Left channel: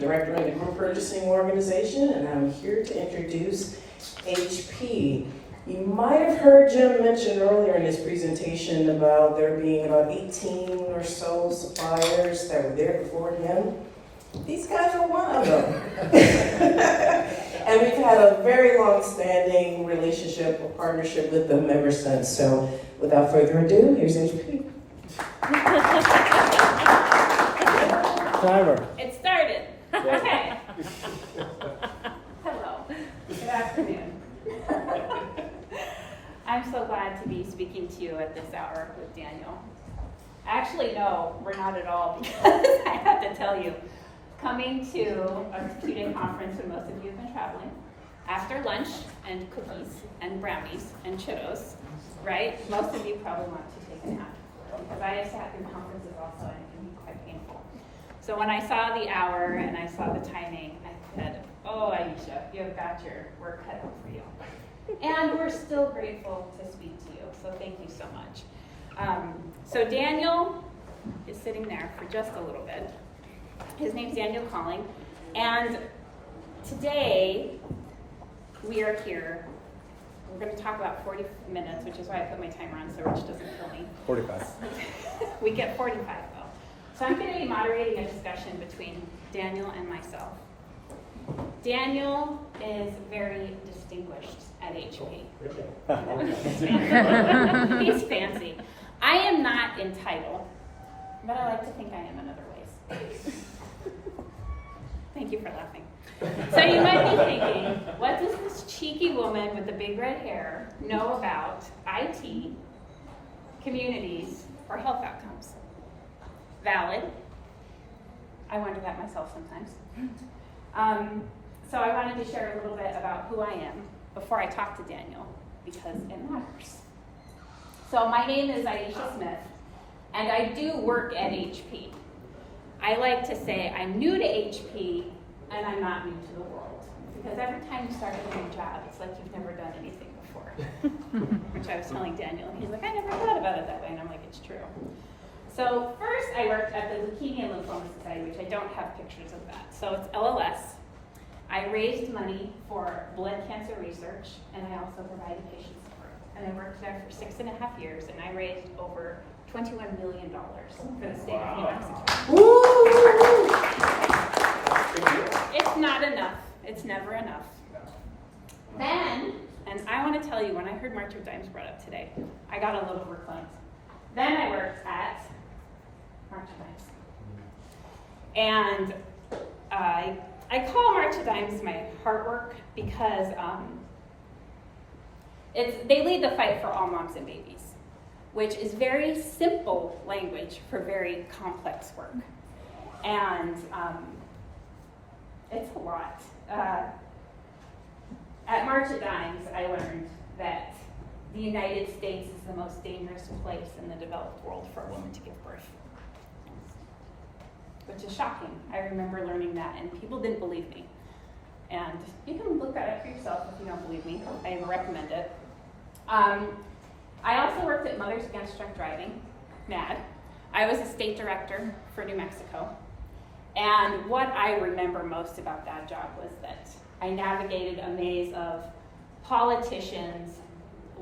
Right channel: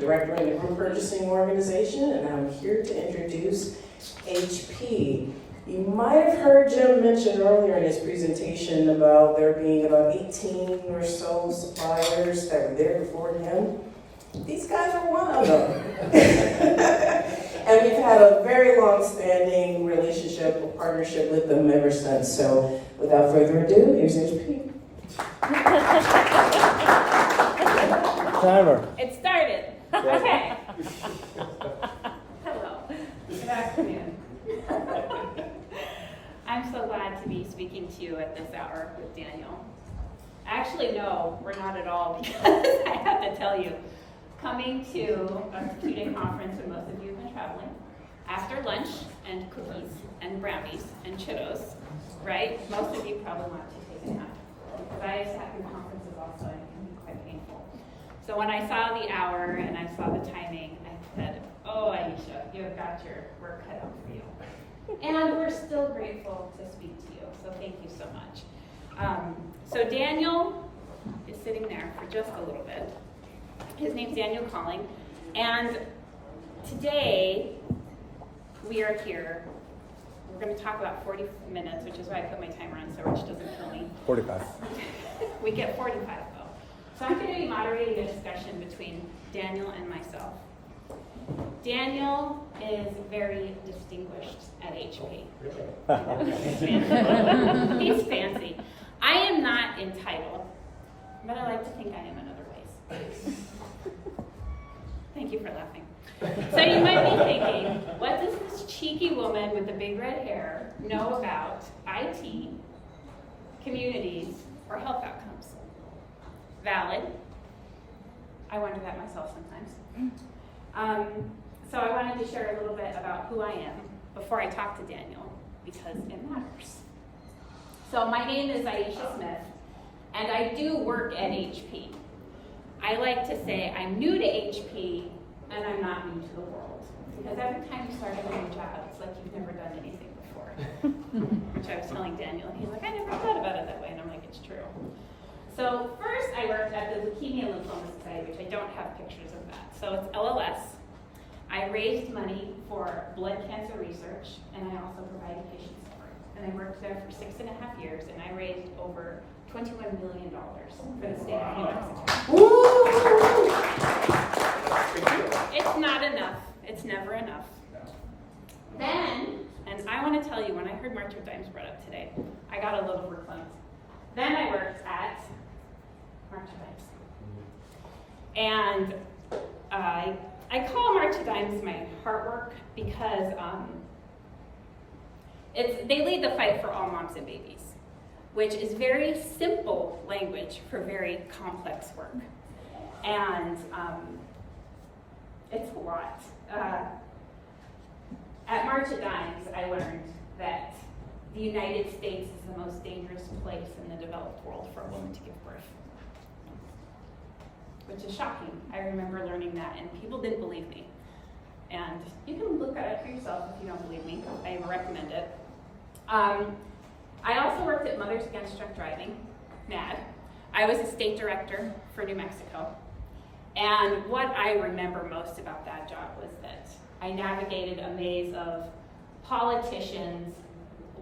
Director of the Group Purchasing Organization, and I'm here to introduce HP. You might have heard Jim mention earlier in his presentation about there being about 18 or so suppliers that were there before him. These guys are one of them. And we've had a very long-standing relationship or partnership with them ever since. So without further ado, here's HP. Timer. It started. Okay. Hello. Good afternoon. I'm so glad to be speaking to you at this hour with Daniel. Actually, no, we're not at all, because I have to tell you, coming to a 2-day conference where most of you have been traveling, after lunch and cookies and brownies and Cheetos, right? Most of you probably want to take a nap. But I have sat in conferences also, and it can be quite painful. So when I saw the hour and I saw the timing, I said, oh, Aisha, you've got your work cut out for you. And we're still grateful to speak to you, so thank you so much. So Daniel is sitting there for just a little bit. His name's Daniel Calling, and today we are here. We're going to talk about 40 minutes, which is why I put my timer on so Rich doesn't kill me. 45. We get 45 though. So I'm going to be moderating a discussion between Daniel and myself. Daniel is very distinguished at HP. He's fancy. I am not entitled, but I like to think I am in other ways. Thank you for laughing. So you might be thinking, what does this cheeky woman with the big red hair know about IT, communities, or health outcomes? Valid. I wonder that myself sometimes. So I wanted to share a little bit about who I am before I talk to Daniel, because it matters. So my name is Aisha Smith, and I do work at HP. I like to say I'm new to HP, and I'm not new to the world. Because every time you start a new job, it's like you've never done anything before. Which I was telling Daniel. He's like, I never thought about it that way, and I'm like, it's true. So first I worked at the Leukemia and Lymphoma Society, which I don't have pictures of that. So it's LLS. I raised money for blood cancer research, and I also provided patient support. And I worked there for 6.5 years, and I raised over $21 million for the state of New Mexico. Woo! It's not enough. It's never enough. Then, and I want to tell you, when I heard March of Dimes brought up today, I got a little overcome. Then I worked at March of Dimes. And I call March of Dimes my heart work because they lead the fight for all moms and babies, which is very simple language for very complex work. And it's a lot. At March of Dimes, I learned that the United States is the most dangerous place in the developed world for a woman to give birth. Which is shocking. I remember learning that, and people didn't believe me. And you can look at it for yourself if you don't believe me. I recommend it. I also worked at Mothers Against Drunk Driving, MAD. I was a state director for New Mexico. And what I remember most about that job was that I navigated a maze of politicians,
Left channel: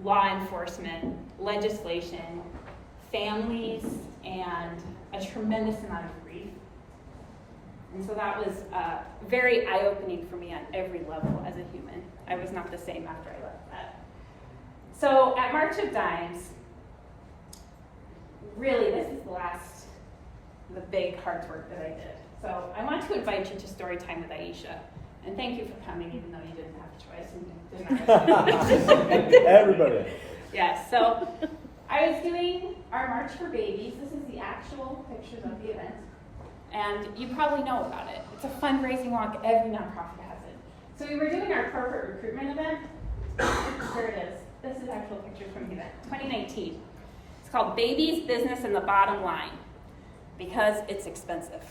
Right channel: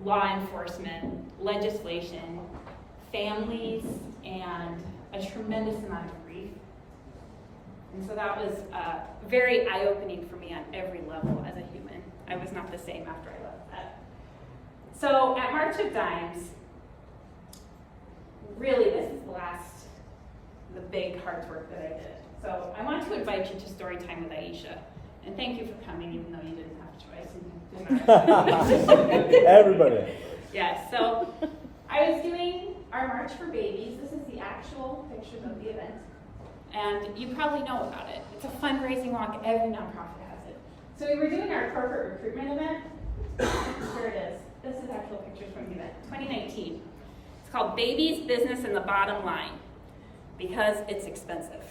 law enforcement, legislation, families, and a tremendous amount of grief. And so that was very eye-opening for me on every level as a human. I was not the same after I left that. So at March of Dimes, really this is the big hard work that I did. So I want to invite you to story time with Aisha. And thank you for coming, even though you didn't have a choice. And you did not Everybody. Yes, so I was doing our March for Babies. This is the actual pictures of the event. And you probably know about it. It's a fundraising walk. Every nonprofit has it. So we were doing our corporate recruitment event. Here it is. This is actual pictures from the event, 2019. It's called Babies, Business, and the Bottom Line, because it's expensive.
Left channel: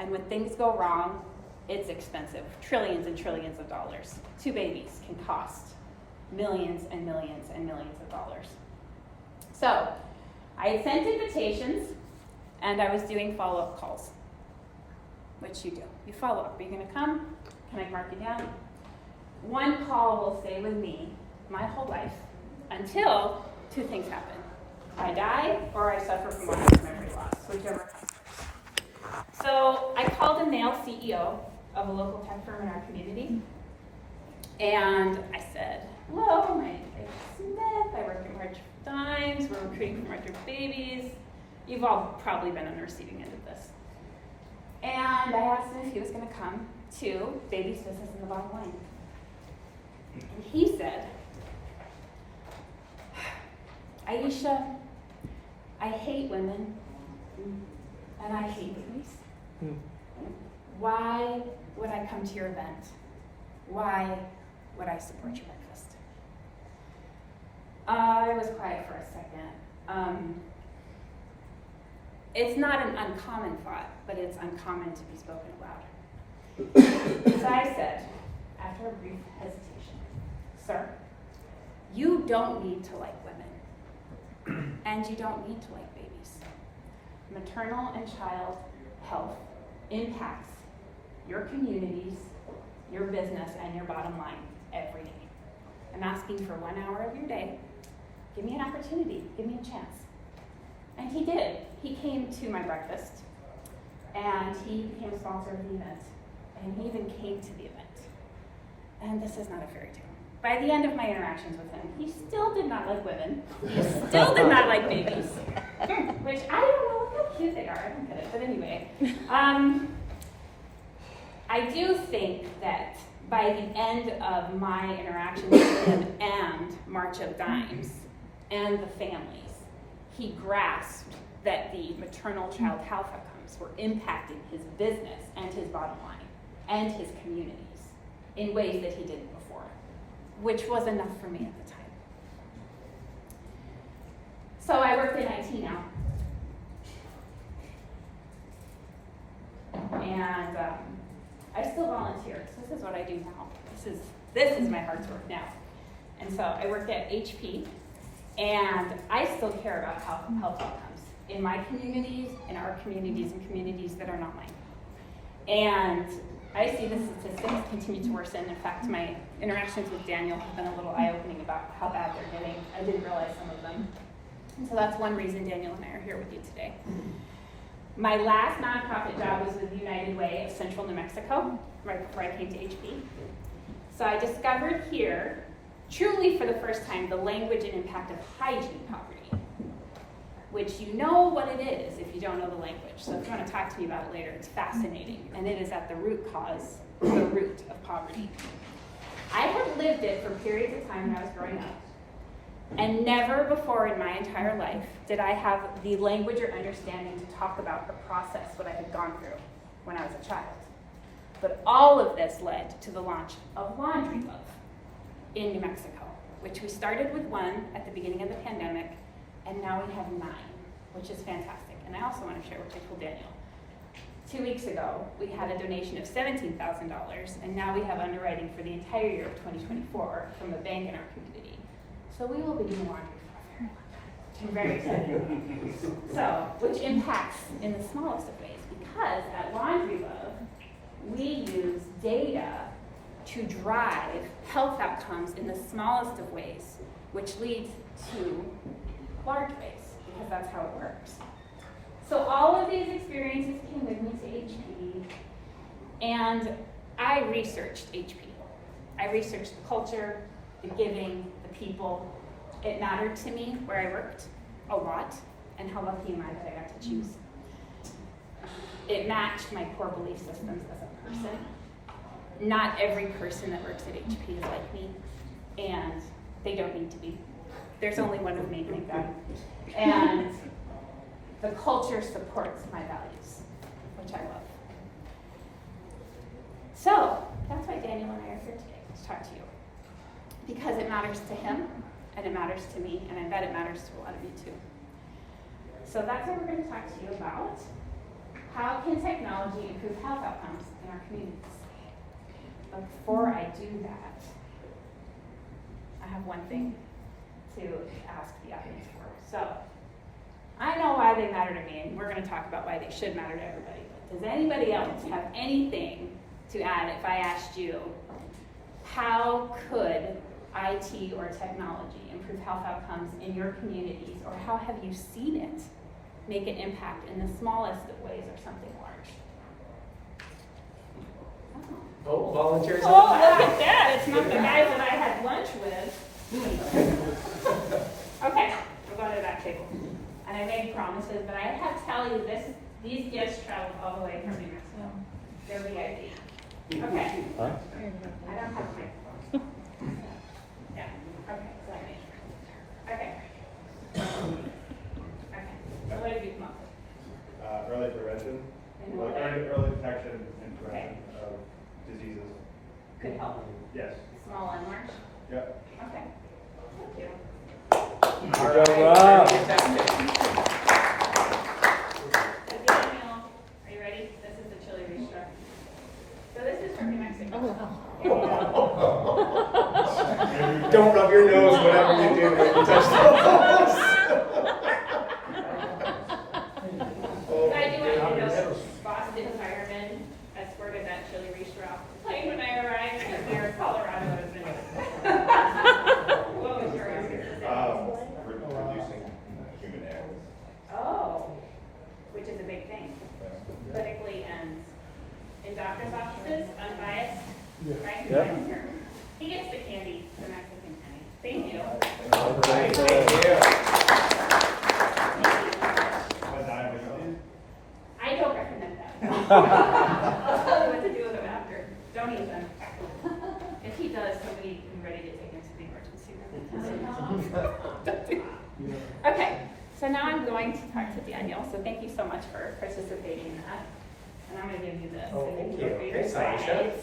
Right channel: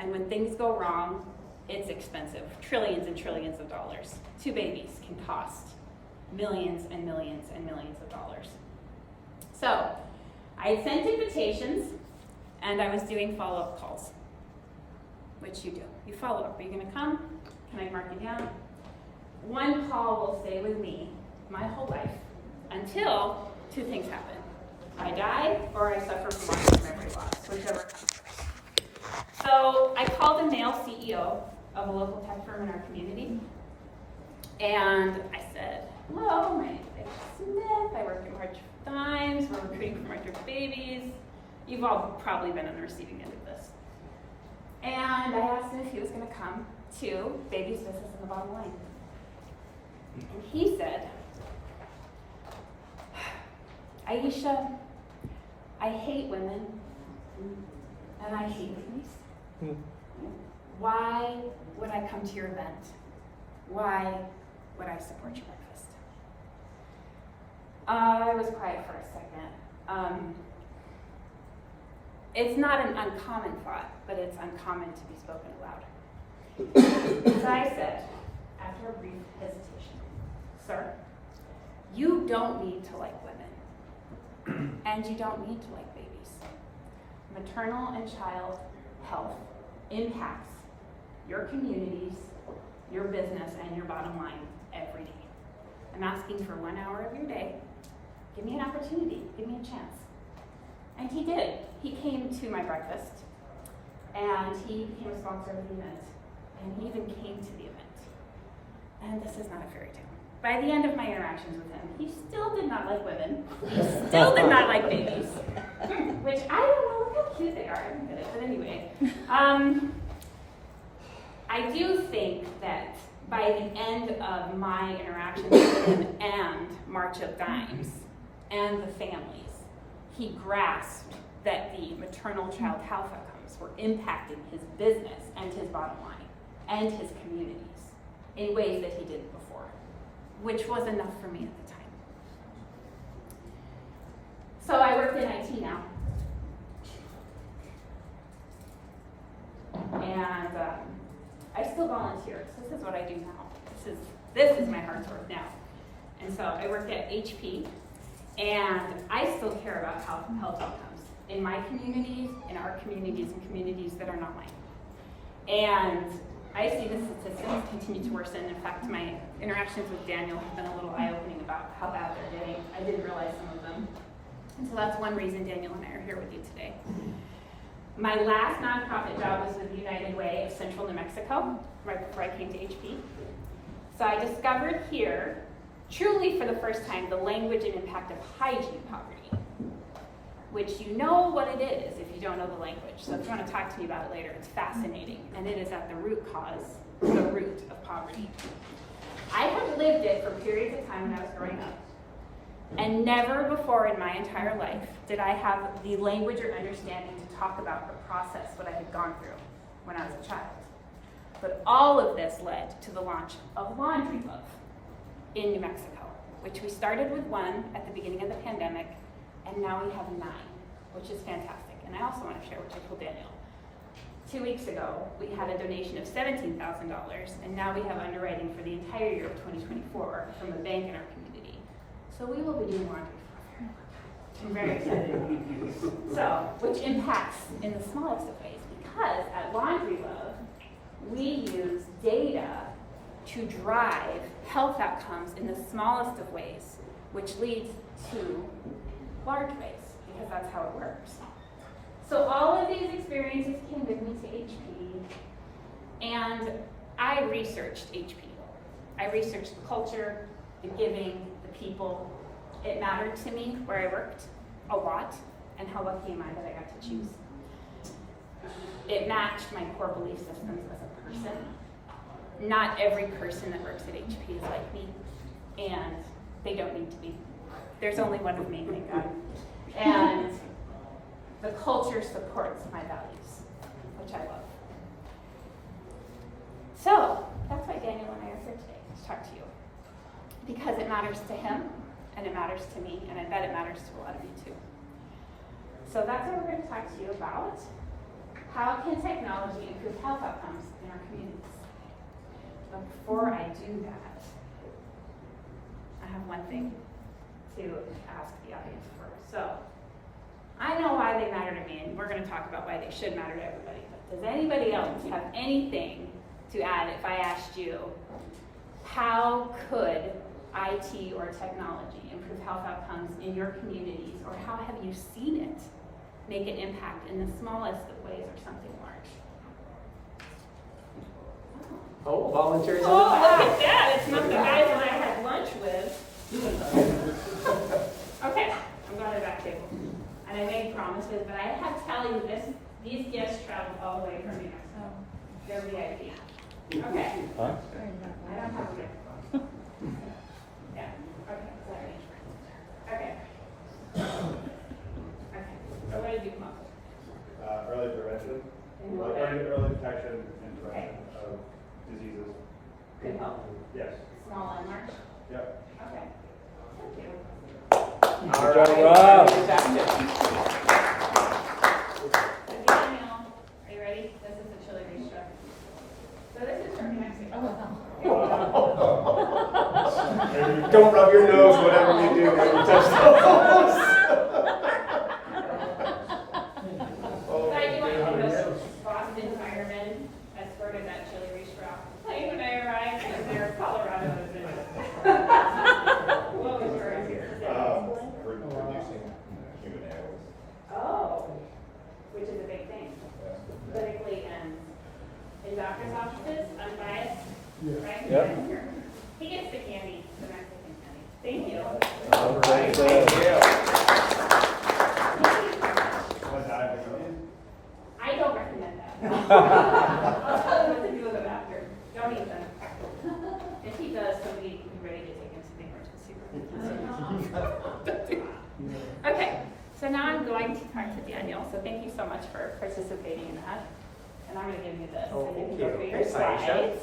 And when things go wrong, it's expensive. Trillions and trillions of dollars. 2 babies can cost millions and millions and millions of dollars. So I sent invitations, and I was doing follow-up calls. which you do. You follow up. Are you going to come? Can I mark you down? One call will stay with me my whole life until two things happen. I die or I suffer from long-term memory loss, whichever comes first. So I called a male CEO of a local tech firm in our community, and I said, hello, my name is Aisha Smith. I work in March Dimes. We're recruiting for March Babies. You've all probably been on the receiving end of this. And I asked him if he was going to come to Baby's Business in the Bottom Line. And he said, Aisha, I hate women, and I hate babies. Why would I come to your event? Why would I support your breakfast? I was quiet for a second. It's not an uncommon thought, but it's uncommon to be spoken aloud. So I said, after a brief hesitation, sir, you don't need to like women, and you don't need to like babies. Maternal and child health impacts your communities, your business, and your bottom line every day. I'm asking for 1 hour of your day. Give me an opportunity, give me a chance. And he did. He came to my breakfast, and he became a sponsor of the event, and he even came to the event. And this is not a fairy tale. By the end of my interactions with him, he still did not like women. He still did not like babies, which I don't know, look how cute they are. I don't get it, but anyway. I do think that by the end of my interactions with him and March of Dimes and the families, he grasped that the maternal child health outcomes were impacting his business and his bottom line and his communities in ways that he didn't before, which was enough for me at the time. So I worked in IT now. And I still volunteer. This is what I do now. This is my heart's work now. And so I work at HP, and I still care about health outcomes in my communities, in our communities, and communities that are not mine. And I see the statistics continue to worsen. In fact, my interactions with Daniel have been a little eye-opening about how bad they're getting. I didn't realize some of them. And so that's one reason Daniel and I are here with you today. My last nonprofit job was with United Way of Central New Mexico, right before I came to HP. So I discovered here, truly for the first time, the language and impact of hygiene poverty, which you know what it is if you don't know the language. So if you want to talk to me about it later, it's fascinating, and it is at the root cause, the root of poverty. I had lived it for periods of time when I was growing up, and never before in my entire life did I have the language or understanding to talk about or process what I had gone through when I was a child. But all of this led to the launch of Laundry Love in New Mexico, which we started with 1 at the beginning of the pandemic, and now we have 9, which is fantastic. And I also want to share what I told Daniel. 2 weeks ago, we had a donation of $17,000, and now we have underwriting for the entire year of 2024 from a bank in our community. So we will be doing laundry for us. I'm very excited. So, which impacts in the smallest of ways, because at Laundry Love, we use data to drive health outcomes in the smallest of ways, which leads to large ways, because that's how it works. So all of these experiences came with me to HP, and I researched HP. I researched the culture, the giving, the people. It mattered to me where I worked a lot, and how lucky am I that I got to choose. It matched my core belief systems as a person. Not every person that works at HP is like me, and they don't need to be. There's only one of me, thank God. And the culture supports my values, which I love. So that's why Daniel and I are here today, to talk to you. Because it matters to him, and it matters to me, and I bet it matters to a lot of you too. So that's what we're going to talk to you about. How can technology improve health outcomes in our communities? But before I do that, I have one thing to ask the audience for. So, I know why they matter to me, and we're going to talk about why they should matter to everybody. But does anybody else have anything to add if I asked you, how could IT or technology improve health outcomes in your communities, or how have you seen it make an impact in the smallest of ways or something large? Oh, volunteers. Oh, look at that. It's not the guys that I had lunch with. Okay, I'm going to the back table. And I made promises, but I have to tell you this, these gifts traveled all the way from New Mexico. They're VIP. Okay. I don't have a microphone. Yeah. Okay, sorry. Okay. Okay. So what did you come up with? Early prevention, And like what? early detection and prevention of diseases. Good health. Yes. Small and large? Yep. Okay. Thank you. All right. Fantastic. So Daniel, are you ready? This is the chili bistro. So this is from New Mexico. Don't rub your nose whatever you do when you touch the balls. I do want you to know, Boston firemen escorted that chili bistro. Plane when I arrived here, Colorado would have been. What was your answer? Reducing human errors. Oh, which is a big thing. Politically and in doctor's offices, unbiased, right? Yeah. He gets the candy, the Mexican candy. Thank you. All right. Thank you. I don't recommend that. I'll tell you what to do with them after. Don't eat them. If he does, then we're ready to take him to the emergency room. Okay, so now I'm going to talk to Daniel. So thank you so much for participating in that. And I'm going to give you this. Oh, so thank can you. go through your Thanks, Aisha. slides.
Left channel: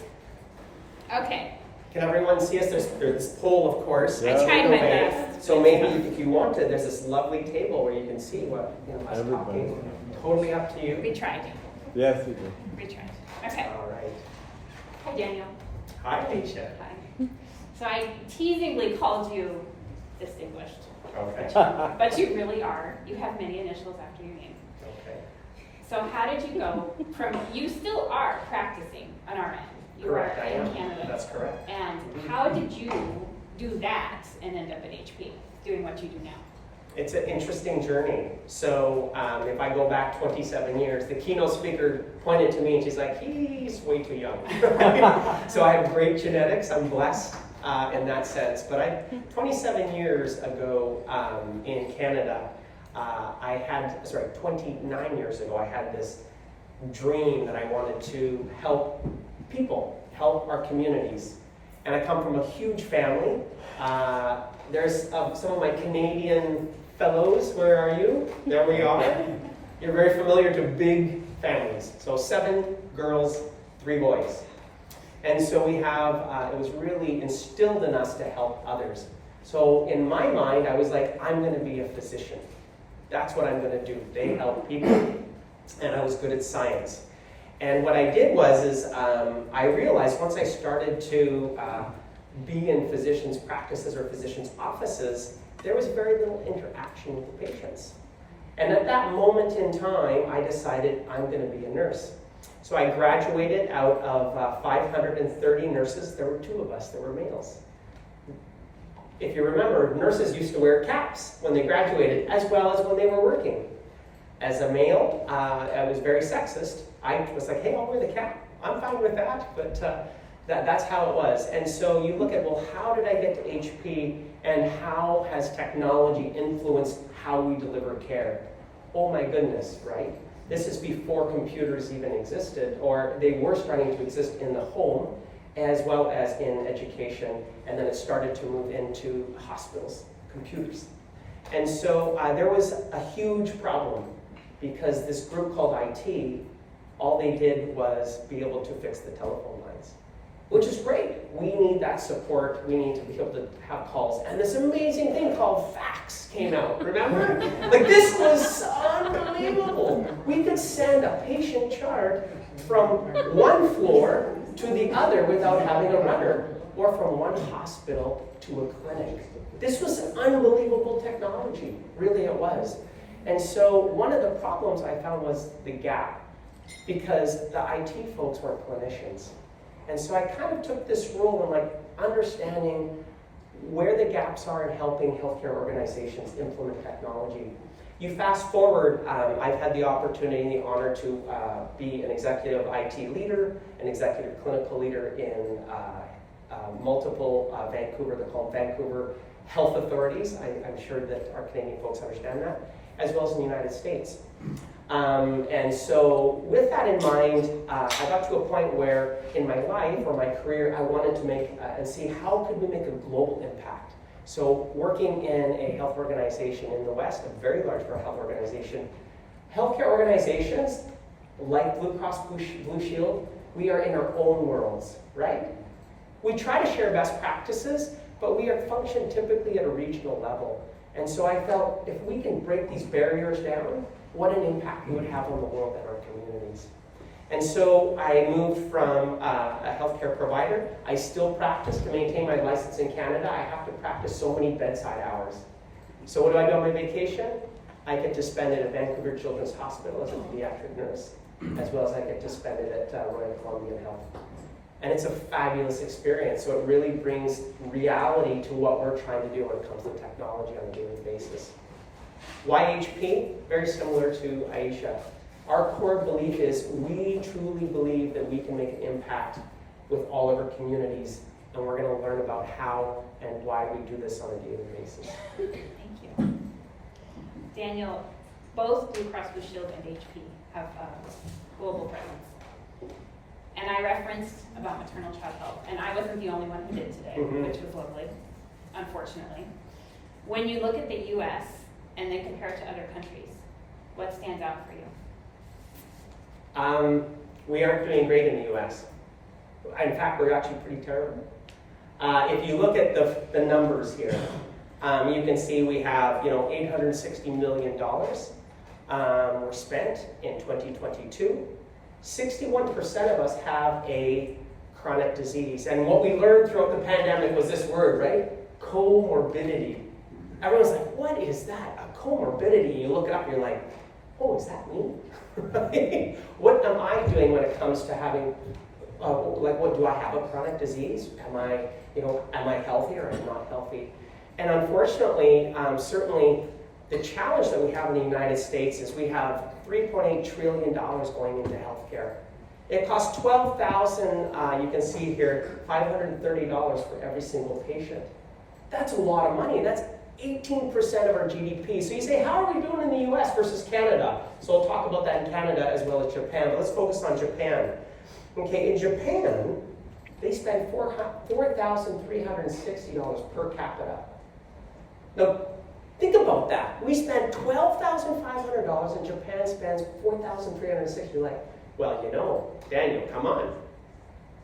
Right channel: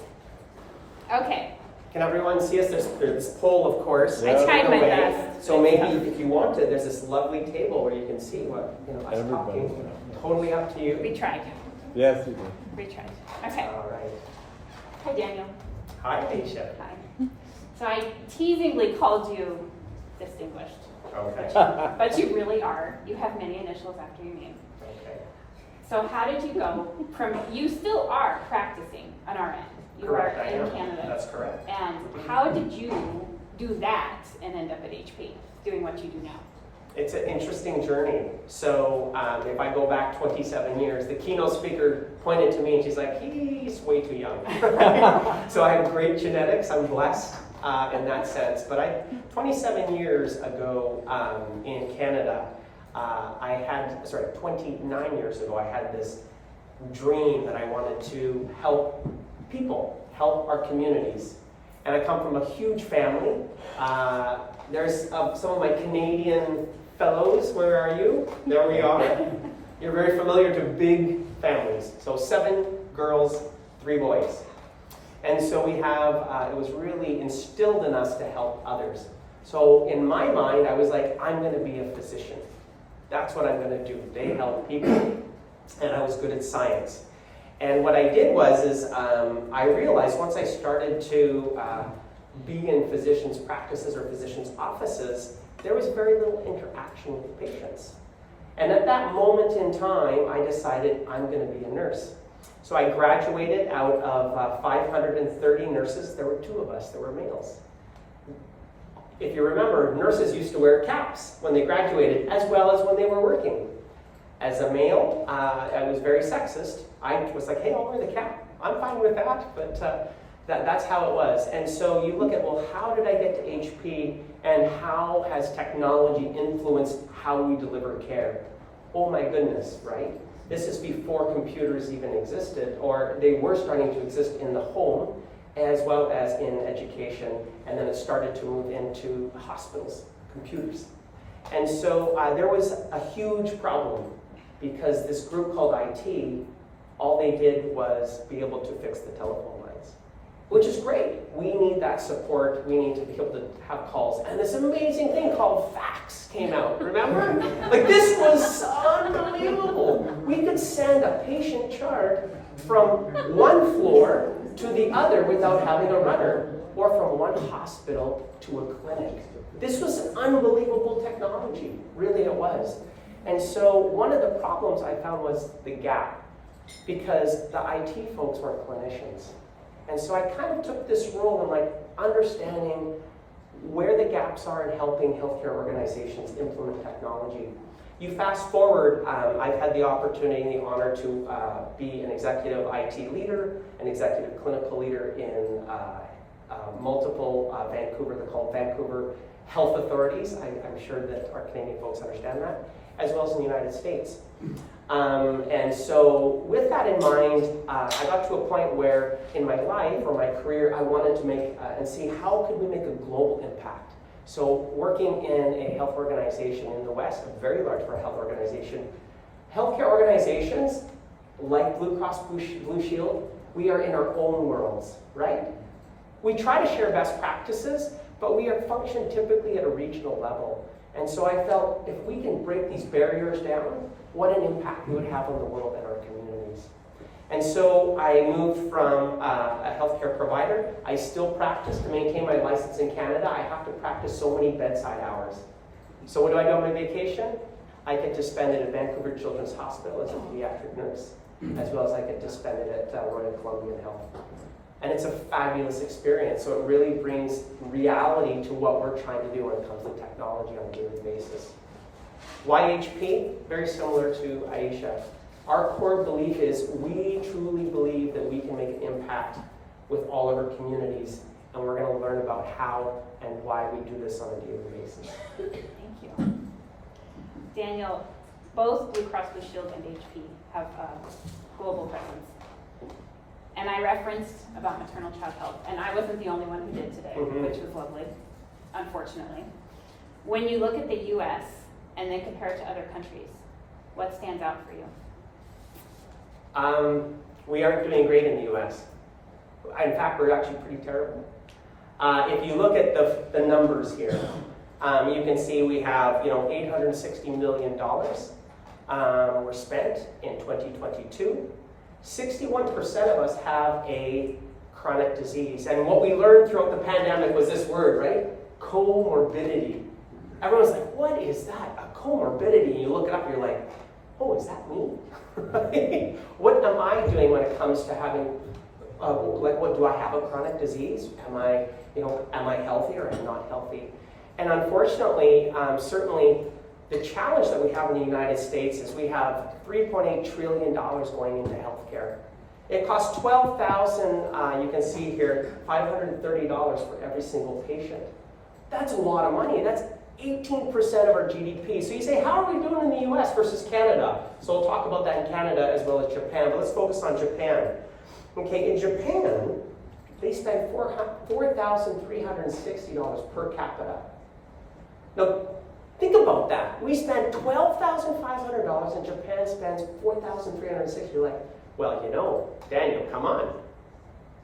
Okay. Can everyone see us? There's this pole, of course. I tried my away. best. So maybe if you wanted, there's this lovely table where you can see what us talking. Totally up to you. We tried. Yes, you do. We tried. Okay. All right. Hi, Daniel. Hi, Aisha. Hi. So I teasingly called you distinguished. Okay. But you really are. You have many initials after your name. Okay. So how did you go from, you still are practicing on RN. You Correct, are I in am. Canada. That's correct. And how did you do that and end up at HP, doing what you do now? It's an interesting journey. So if I go back 27 years, the keynote speaker pointed to me and she's like, he's way too young. So I have great genetics. I'm blessed in that sense. But 27 years ago in Canada, 29 years ago, I had this dream that I wanted to help people, help our communities. And I come from a huge family. There's some of my Canadian fellows. Where are you? There we are. You're very familiar to big families. So 7 girls, 3 boys. And so we have, it was really instilled in us to help others. So in my mind, I was like, I'm going to be a physician. That's what I'm going to do. They help people. And I was good at science. And what I did was I realized once I started to be in physicians' practices or physicians' offices, there was very little interaction with the patients. And at that moment in time, I decided I'm going to be a nurse. So I graduated out of 530 nurses. There were 2 of us that were males. If you remember, nurses used to wear caps when they graduated, as well as when they were working. As a male, I was very sexist. I was like, hey, I'll wear the cap. I'm fine with that, but that's how it was. And so you look at, well, how did I get to HP, and how has technology influenced how we deliver care? Oh my goodness, right? This is before computers even existed, or they were starting to exist in the home, as well as in education, and then it started to move into hospitals, computers. And so there was a huge problem, because this group called IT, all they did was be able to fix the telephone lines, which is great. We need that support. We need to be able to have calls. And this amazing thing called fax came out, remember? Like, this was unbelievable. We could send a patient chart from one floor to the other without having a runner, or from one hospital to a clinic. This was an unbelievable technology, really it was. And so one of the problems I found was the gap, because the IT folks weren't clinicians. And so I kind of took this role in like understanding where the gaps are in helping healthcare organizations implement technology. You fast forward, I've had the opportunity and the honor to be an executive IT leader, an executive clinical leader in multiple Vancouver, they're called Vancouver Health Authorities. I'm sure that our Canadian folks understand that, as well as in the United States. And so with that in mind, I got to a point where in my life or my career, I wanted to make and see how could we make a global impact. So working in a health organization in the West, a very large health organization, healthcare organizations like Blue Cross Blue Shield, we are in our own worlds, right? We try to share best practices, but we are function typically at a regional level. And so I felt if we can break these barriers down, what an impact we would have on the world and our communities. And so I moved from a healthcare provider. I still practice to maintain my license in Canada. I have to practice so many bedside hours. So what do I do on my vacation? I get to spend it at Vancouver Children's Hospital as a pediatric nurse, as well as I get to spend it at Royal Columbian Health. And it's a fabulous experience. So it really brings reality to what we're trying to do when it comes to technology on a daily basis. Why HP? Very similar to Aisha. Our core belief is we truly believe that we can make an impact with all of our communities, and we're going to learn about how and why we do this on a daily basis. Thank you. Daniel, both Blue Cross Blue Shield and HP have global presence. And I referenced about maternal child health, and I wasn't the only one who did today, which was lovely, unfortunately. When you look at the US and then compare it to other countries, what stands out for you? We aren't doing great in the US. In fact, we're actually pretty terrible. If you look at the numbers here, you can see we have $860 million were spent in 2022. 61% of us have a chronic disease. And what we learned throughout the pandemic was this word, right? Comorbidity. Everyone's like, what is that? A comorbidity? And you look it up and you're like, oh, is that me? What am I doing when it comes to having, what do I have a chronic disease? Am I healthy or am I not healthy? And unfortunately, certainly the challenge that we have in the United States is we have $3.8 trillion going into healthcare. It costs $12,000, you can see here, $530 for every single patient. That's a lot of money. That's 18% of our GDP. So you say, how are we doing in the US versus Canada? So I'll talk about that in Canada as well as Japan, but let's focus on Japan. Okay, in Japan, they spend $4,360 per capita. Now, think about that. We spend $12,500 and Japan spends $4,360. You're like, well, Daniel, come on.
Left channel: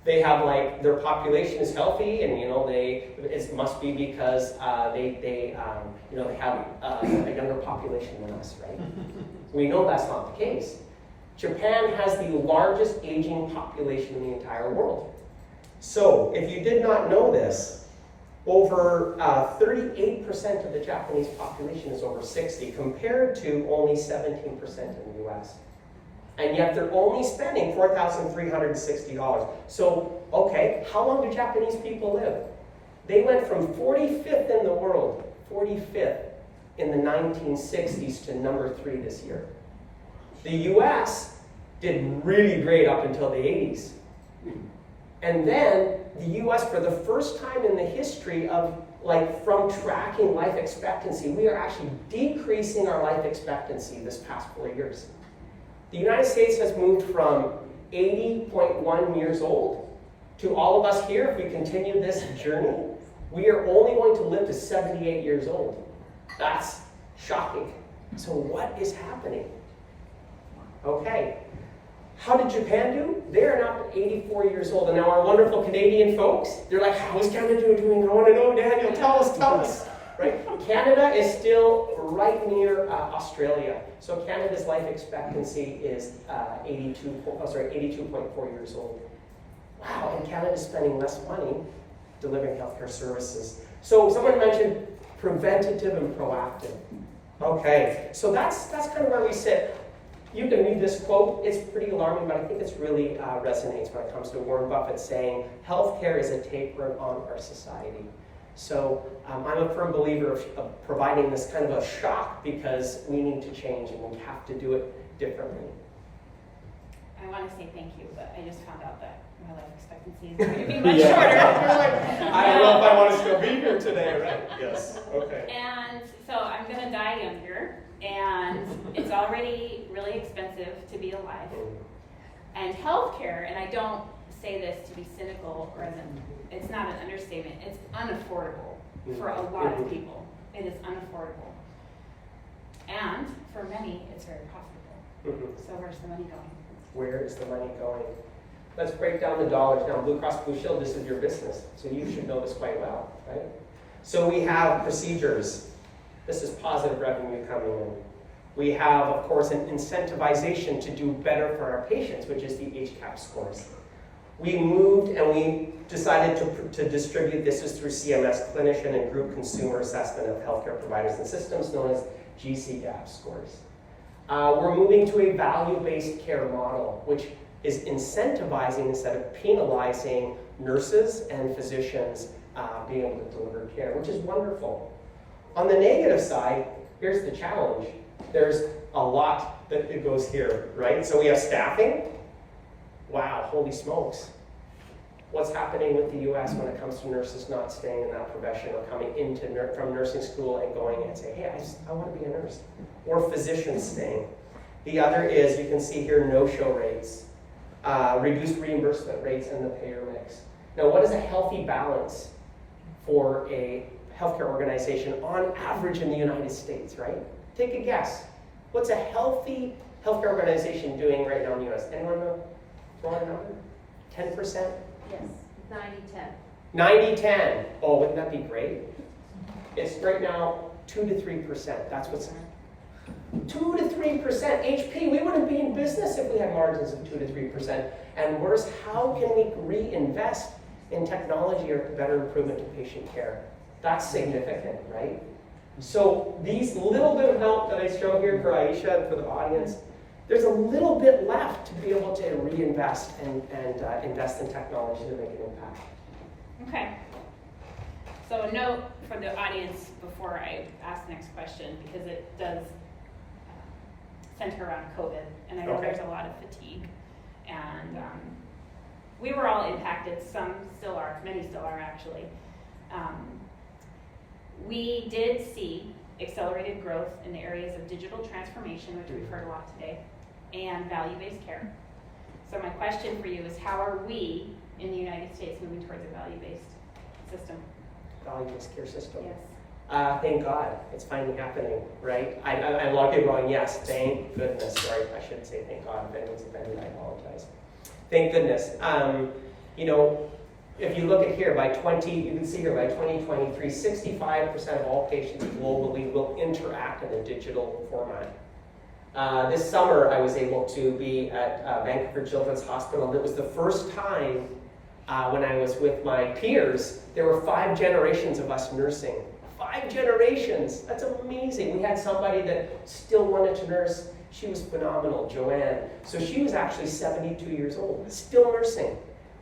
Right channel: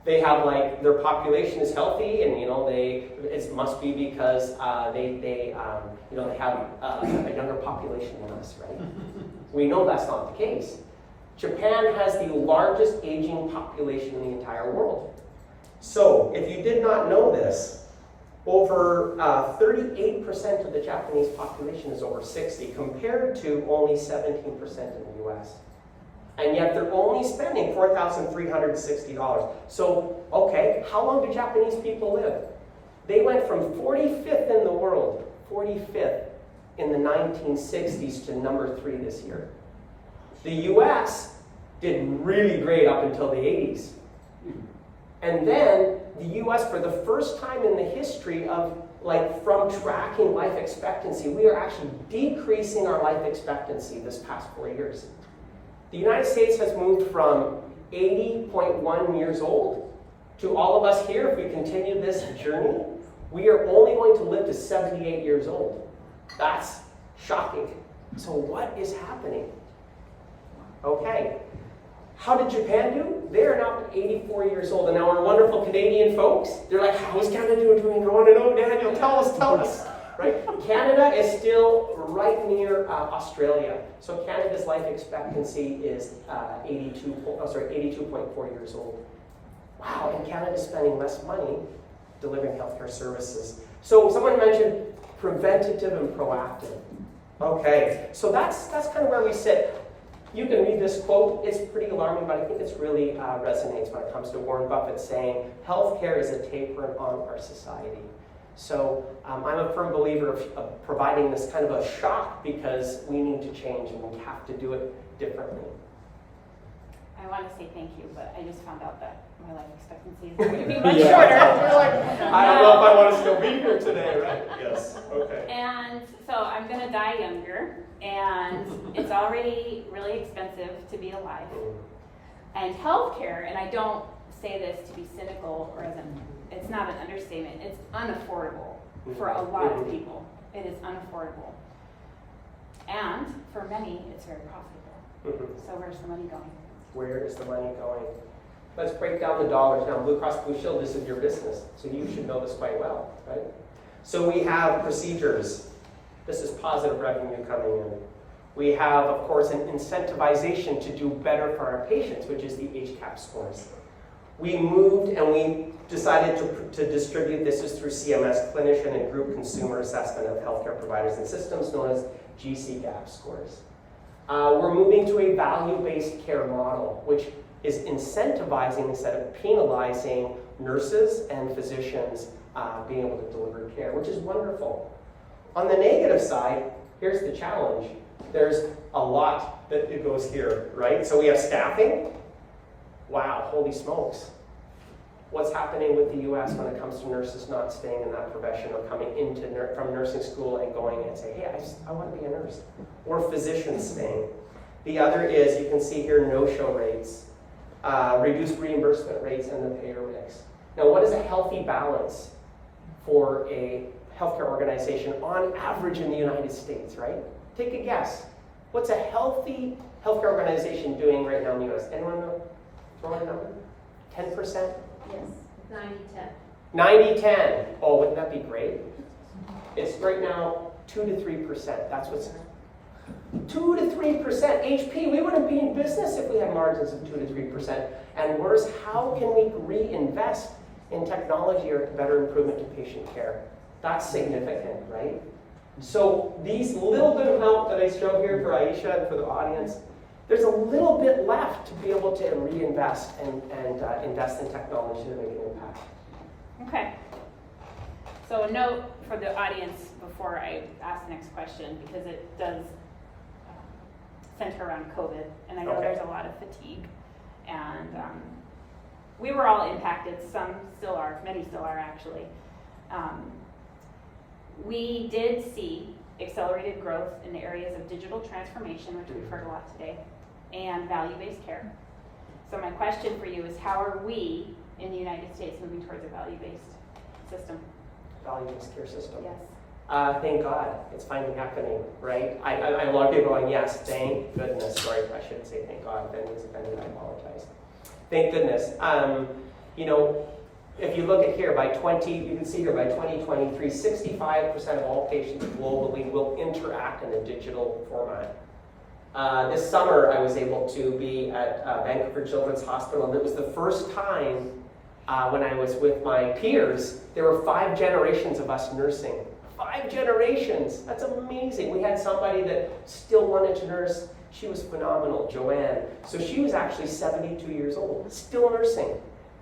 They have their population is healthy, and it must be because they have a younger population than us, right? We know that's not the case. Japan has the largest aging population in the entire world. So, if you did not know this, over 38% of the Japanese population is over 60, compared to only 17% in the US. And yet they're only spending $4,360. So, okay, how long do Japanese people live? They went from 45th in the world, 45th in the 1960s to number 3 this year. The US did really great up until the 80s. And then the US, for the first time in the history of from tracking life expectancy, we are actually decreasing our life expectancy this past 4 years. The United States has moved from 80.1 years old to all of us here, if we continue this journey, we are only going to live to 78 years old. That's shocking. So what is happening? Okay. How did Japan do? They are now 84 years old. And now our wonderful Canadian folks, they're like, how is Canada doing? I want to know, Daniel, tell us. Right? Canada is still right near Australia. So Canada's life expectancy is 82.4 years old. Wow, and Canada's spending less money delivering healthcare services. So someone mentioned preventative and proactive. Okay, so that's kind of where we sit. You can read this quote. It's pretty alarming, but I think it's really resonates when it comes to Warren Buffett saying, healthcare is a tapeworm on our society. So I'm a firm believer of providing this kind of a shock because we need to change and we have to do it differently. I want to say thank you, but I just found out that my life expectancy is going to be much shorter. I don't know if I want to still be here today, right? Yes, okay. And so I'm going to die younger, and it's already really expensive to be alive. And healthcare, and I don't say this to be cynical or it's not an understatement, it's unaffordable for a lot of people. It is unaffordable. And for many, it's very profitable. So where's the money going? Where is the money going? Let's break down the dollars now. Blue Cross Blue Shield, this is your business, so you should know this quite well, right? So we have procedures. This is positive revenue coming in. We have, of course, an incentivization to do better for our patients, which is the HCAP scores. We moved and we decided to distribute this is through CMS, Clinician and Group Consumer Assessment of Healthcare Providers and Systems, known as GCGAP scores. We're moving to a value-based care model, which is incentivizing instead of penalizing nurses and physicians being able to deliver care, which is wonderful. On the negative side, here's the challenge. There's a lot that goes here, right? So we have staffing. Wow, holy smokes. What's happening with the US when it comes to nurses not staying in that profession or coming from nursing school and going and say, hey, I want to be a nurse. Or physicians staying. The other is, you can see here, no-show rates, reduced reimbursement rates, and the payer mix. Now, what is a healthy balance for a healthcare organization on average in the United States, right? Take a guess. What's a healthy healthcare organization doing right now in the US? Anyone know? Throw out a number? 10%? Yes, 90-10. 90-10. Oh, wouldn't that be great? It's right now 2 to 3%. That's what's 2 to 3%. HP, we wouldn't be in business if we had margins of 2 to 3%. And worse, how can we reinvest in technology or better improvement to patient care? That's significant, right? So these little bit of help that I show here for Aisha and for the audience, there's a little bit left to be able to reinvest and invest in technology to make an impact. Okay. So a note for the audience before I ask the next question, because it does center around COVID, and I know there's a lot of fatigue, and we were all impacted. Some still are, many still are actually. We did see accelerated growth in the areas of digital transformation, which we've heard a lot today, and value-based care. So my question for you is, how are we in the United States moving towards a value-based system? Value-based care system. Yes. Thank God, it's finally happening, right? I a lot of people are going, yes, thank goodness. Sorry, I shouldn't say thank God. If anyone's offended, I apologize. Thank goodness. You know, if you look at here, you can see here, by 2023, 65% of all patients globally will interact in a digital format. This summer, I was able to be at Vancouver Children's Hospital, and it was the first time when I was with my peers, there were 5 generations of us nursing. 5 generations! That's amazing. We had somebody that still wanted to nurse. She was phenomenal, Joanne. So she was actually 72 years old, still nursing.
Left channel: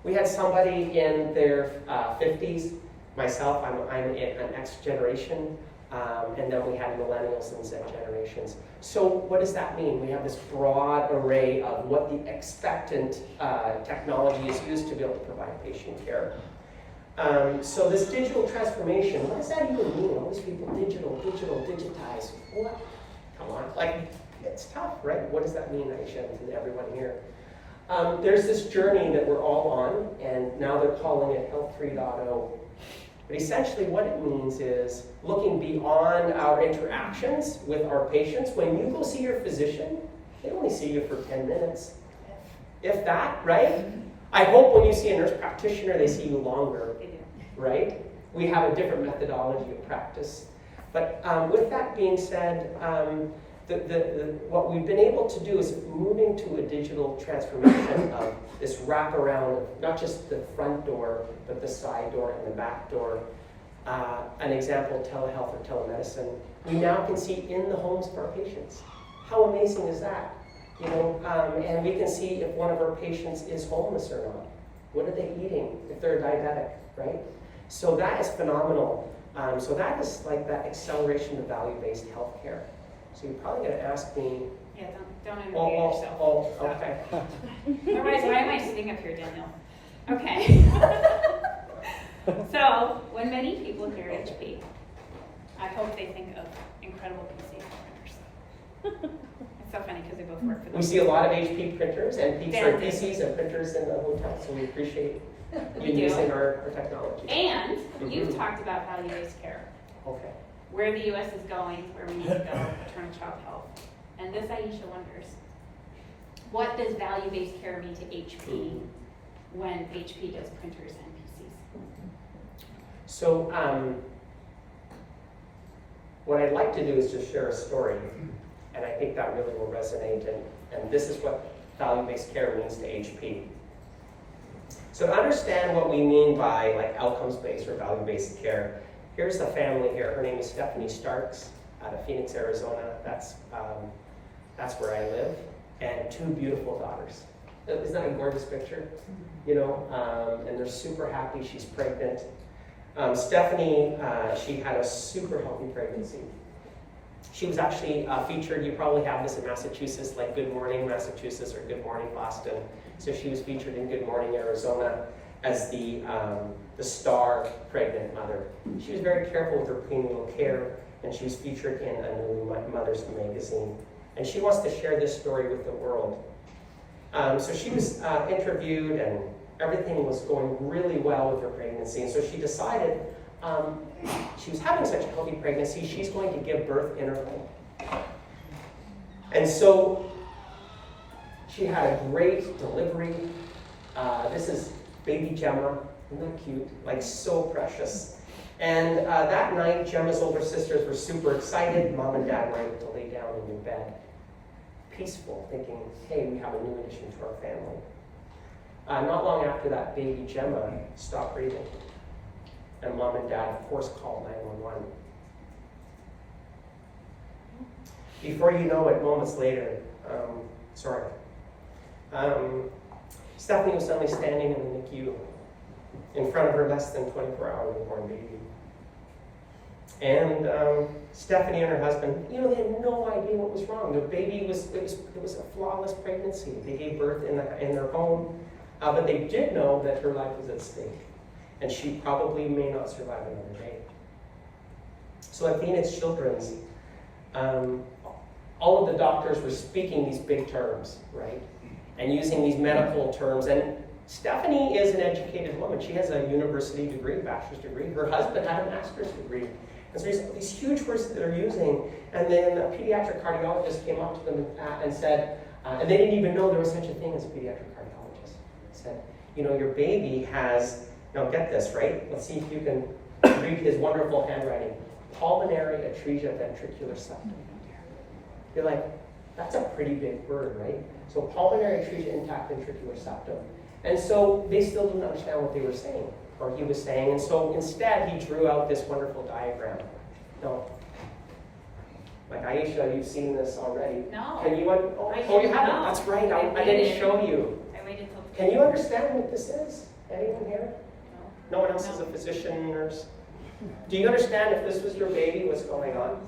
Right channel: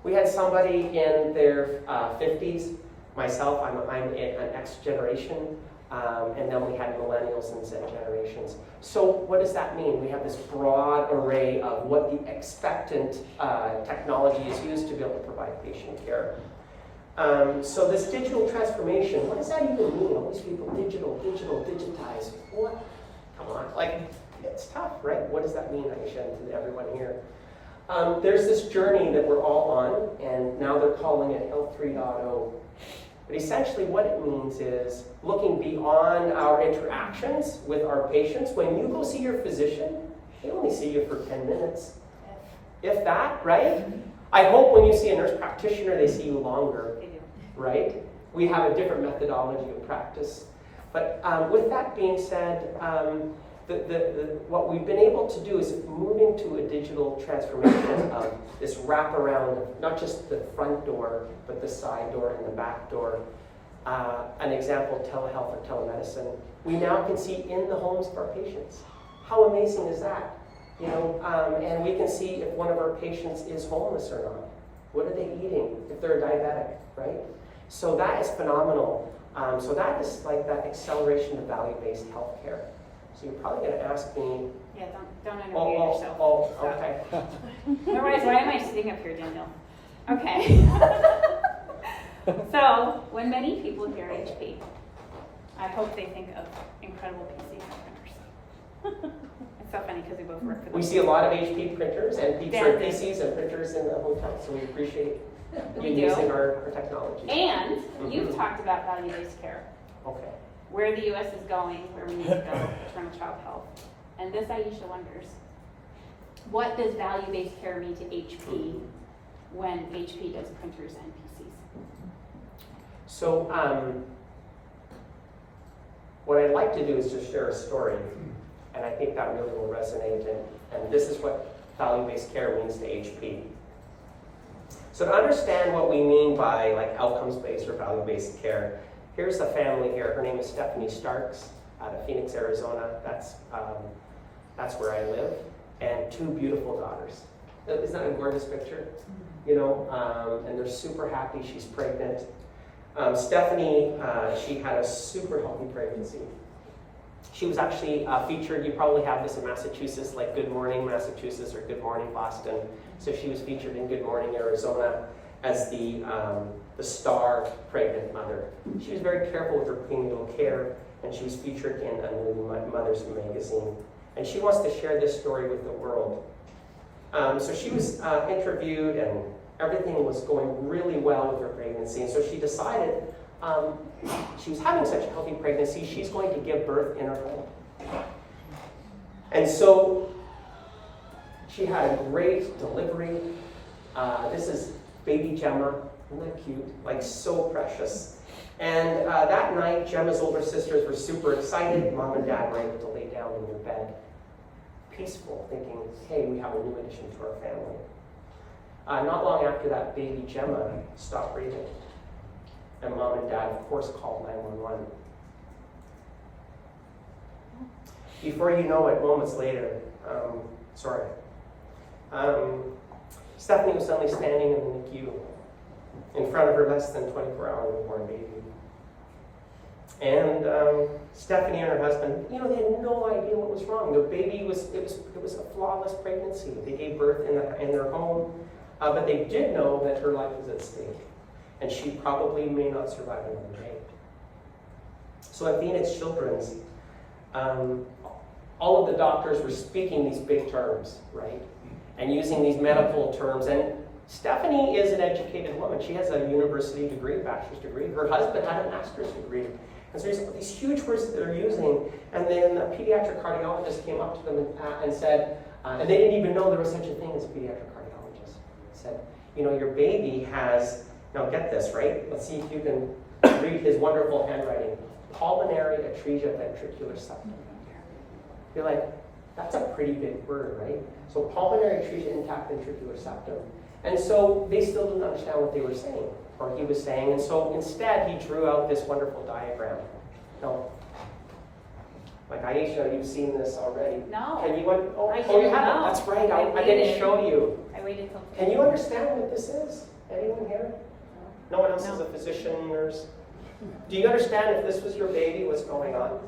We had somebody in their 50s. Myself, I'm an X generation. And then we had millennials and Z generations. So what does that mean? We have this broad array of what the expectant technology is used to be able to provide patient care. So this digital transformation, what does that even mean? All these people, digitize. What? Come on, like, it's tough, right? What does that mean, Aisha, and to everyone here? There's this journey that we're all on, and now they're calling it Health 3.0. But essentially what it means is looking beyond our interactions with our patients. When you go see your physician, they only see you for 10 minutes. If that, right? I hope when you see a nurse practitioner, they see you longer, They do. right? We have a different methodology of practice. But with that being said, what we've been able to do is moving to a digital transformation of this wraparound of not just the front door, but the side door and the back door. An example, telehealth or telemedicine. we now can see in the homes of our patients. How amazing is that? You know, and we can see if one of our patients is homeless or not. What are they eating if they're diabetic, right? So that is phenomenal. So that is like that acceleration of value-based healthcare. So you're probably going to ask me. Yeah, don't interview yourself. Okay. Otherwise, why am I sitting up here, Daniel? Okay. So, when many people hear HP, I hope they think of incredible PC printers. It's so funny because we both work for them. We see a lot of HP printers and Yeah. PCs and printers in the hotel, so we appreciate We you do. using our technology. And you've talked about value-based care, Okay. where the U.S. is going, where we need to go, maternal child health. And this Aisha wonders, what does value-based care mean to HP when HP does printers and PCs? So, what I'd like to do is just share a story, and I think that really will resonate, and this is what value-based care means to HP. So to understand what we mean by like outcomes-based or value-based care, here's the family here. Her name is Stephanie Starks out of Phoenix, Arizona. That's where I live, and two beautiful daughters. Isn't that a gorgeous picture? You know, and they're super happy. She's pregnant. Stephanie, she had a super healthy pregnancy. She was actually featured, you probably have this in Massachusetts, like Good Morning Massachusetts or Good Morning Boston. So she was featured in Good Morning Arizona as the star pregnant mother. She was very careful with her prenatal care, and she was featured in a New Mother's magazine. And she wants to share this story with the world. So she was interviewed, and everything was going really well with her pregnancy. And so she decided she was having such a healthy pregnancy, she's going to give birth in her home. And so she had a great delivery. This is baby Gemma. Isn't that cute? Like, so precious. And that night, Gemma's older sisters were super excited. Mom and Dad were able to lay down in their bed, peaceful, thinking, hey, we have a new addition to our family. Not long after that, baby Gemma stopped breathing. And Mom and Dad, of course, called 911. Before you know it, moments later, Stephanie was suddenly standing in the NICU in front of her less than 24-hour newborn baby. And Stephanie and her husband, you know, they had no idea what was wrong. The baby it was a flawless pregnancy. They gave birth in their home, but they did know that her life was at stake, and she probably may not survive another day. So at Phoenix Children's, all of the doctors were speaking these big terms, right? And using these medical terms. And Stephanie is an educated woman. She has a university degree, bachelor's degree. Her husband had a master's degree. And so these huge words that they're using. And then a pediatric cardiologist came up to them and said, and they didn't even know there was such a thing as a pediatric cardiologist. Said, you know, your baby has, now get this, right? Let's see if you can read his wonderful handwriting. Pulmonary atresia ventricular septum. You're like, that's a pretty big word, right? So pulmonary atresia intact ventricular septum. And so they still didn't understand what they were saying, or he was saying. And so instead, he drew out this wonderful diagram. No. Like Aisha, you've seen this already. No. Can you, you haven't? That's right, I didn't show you. I waited till. Can you understand what this is? Anyone here? No one else is a physician, nurse? Do you understand if this was your baby, what's going on?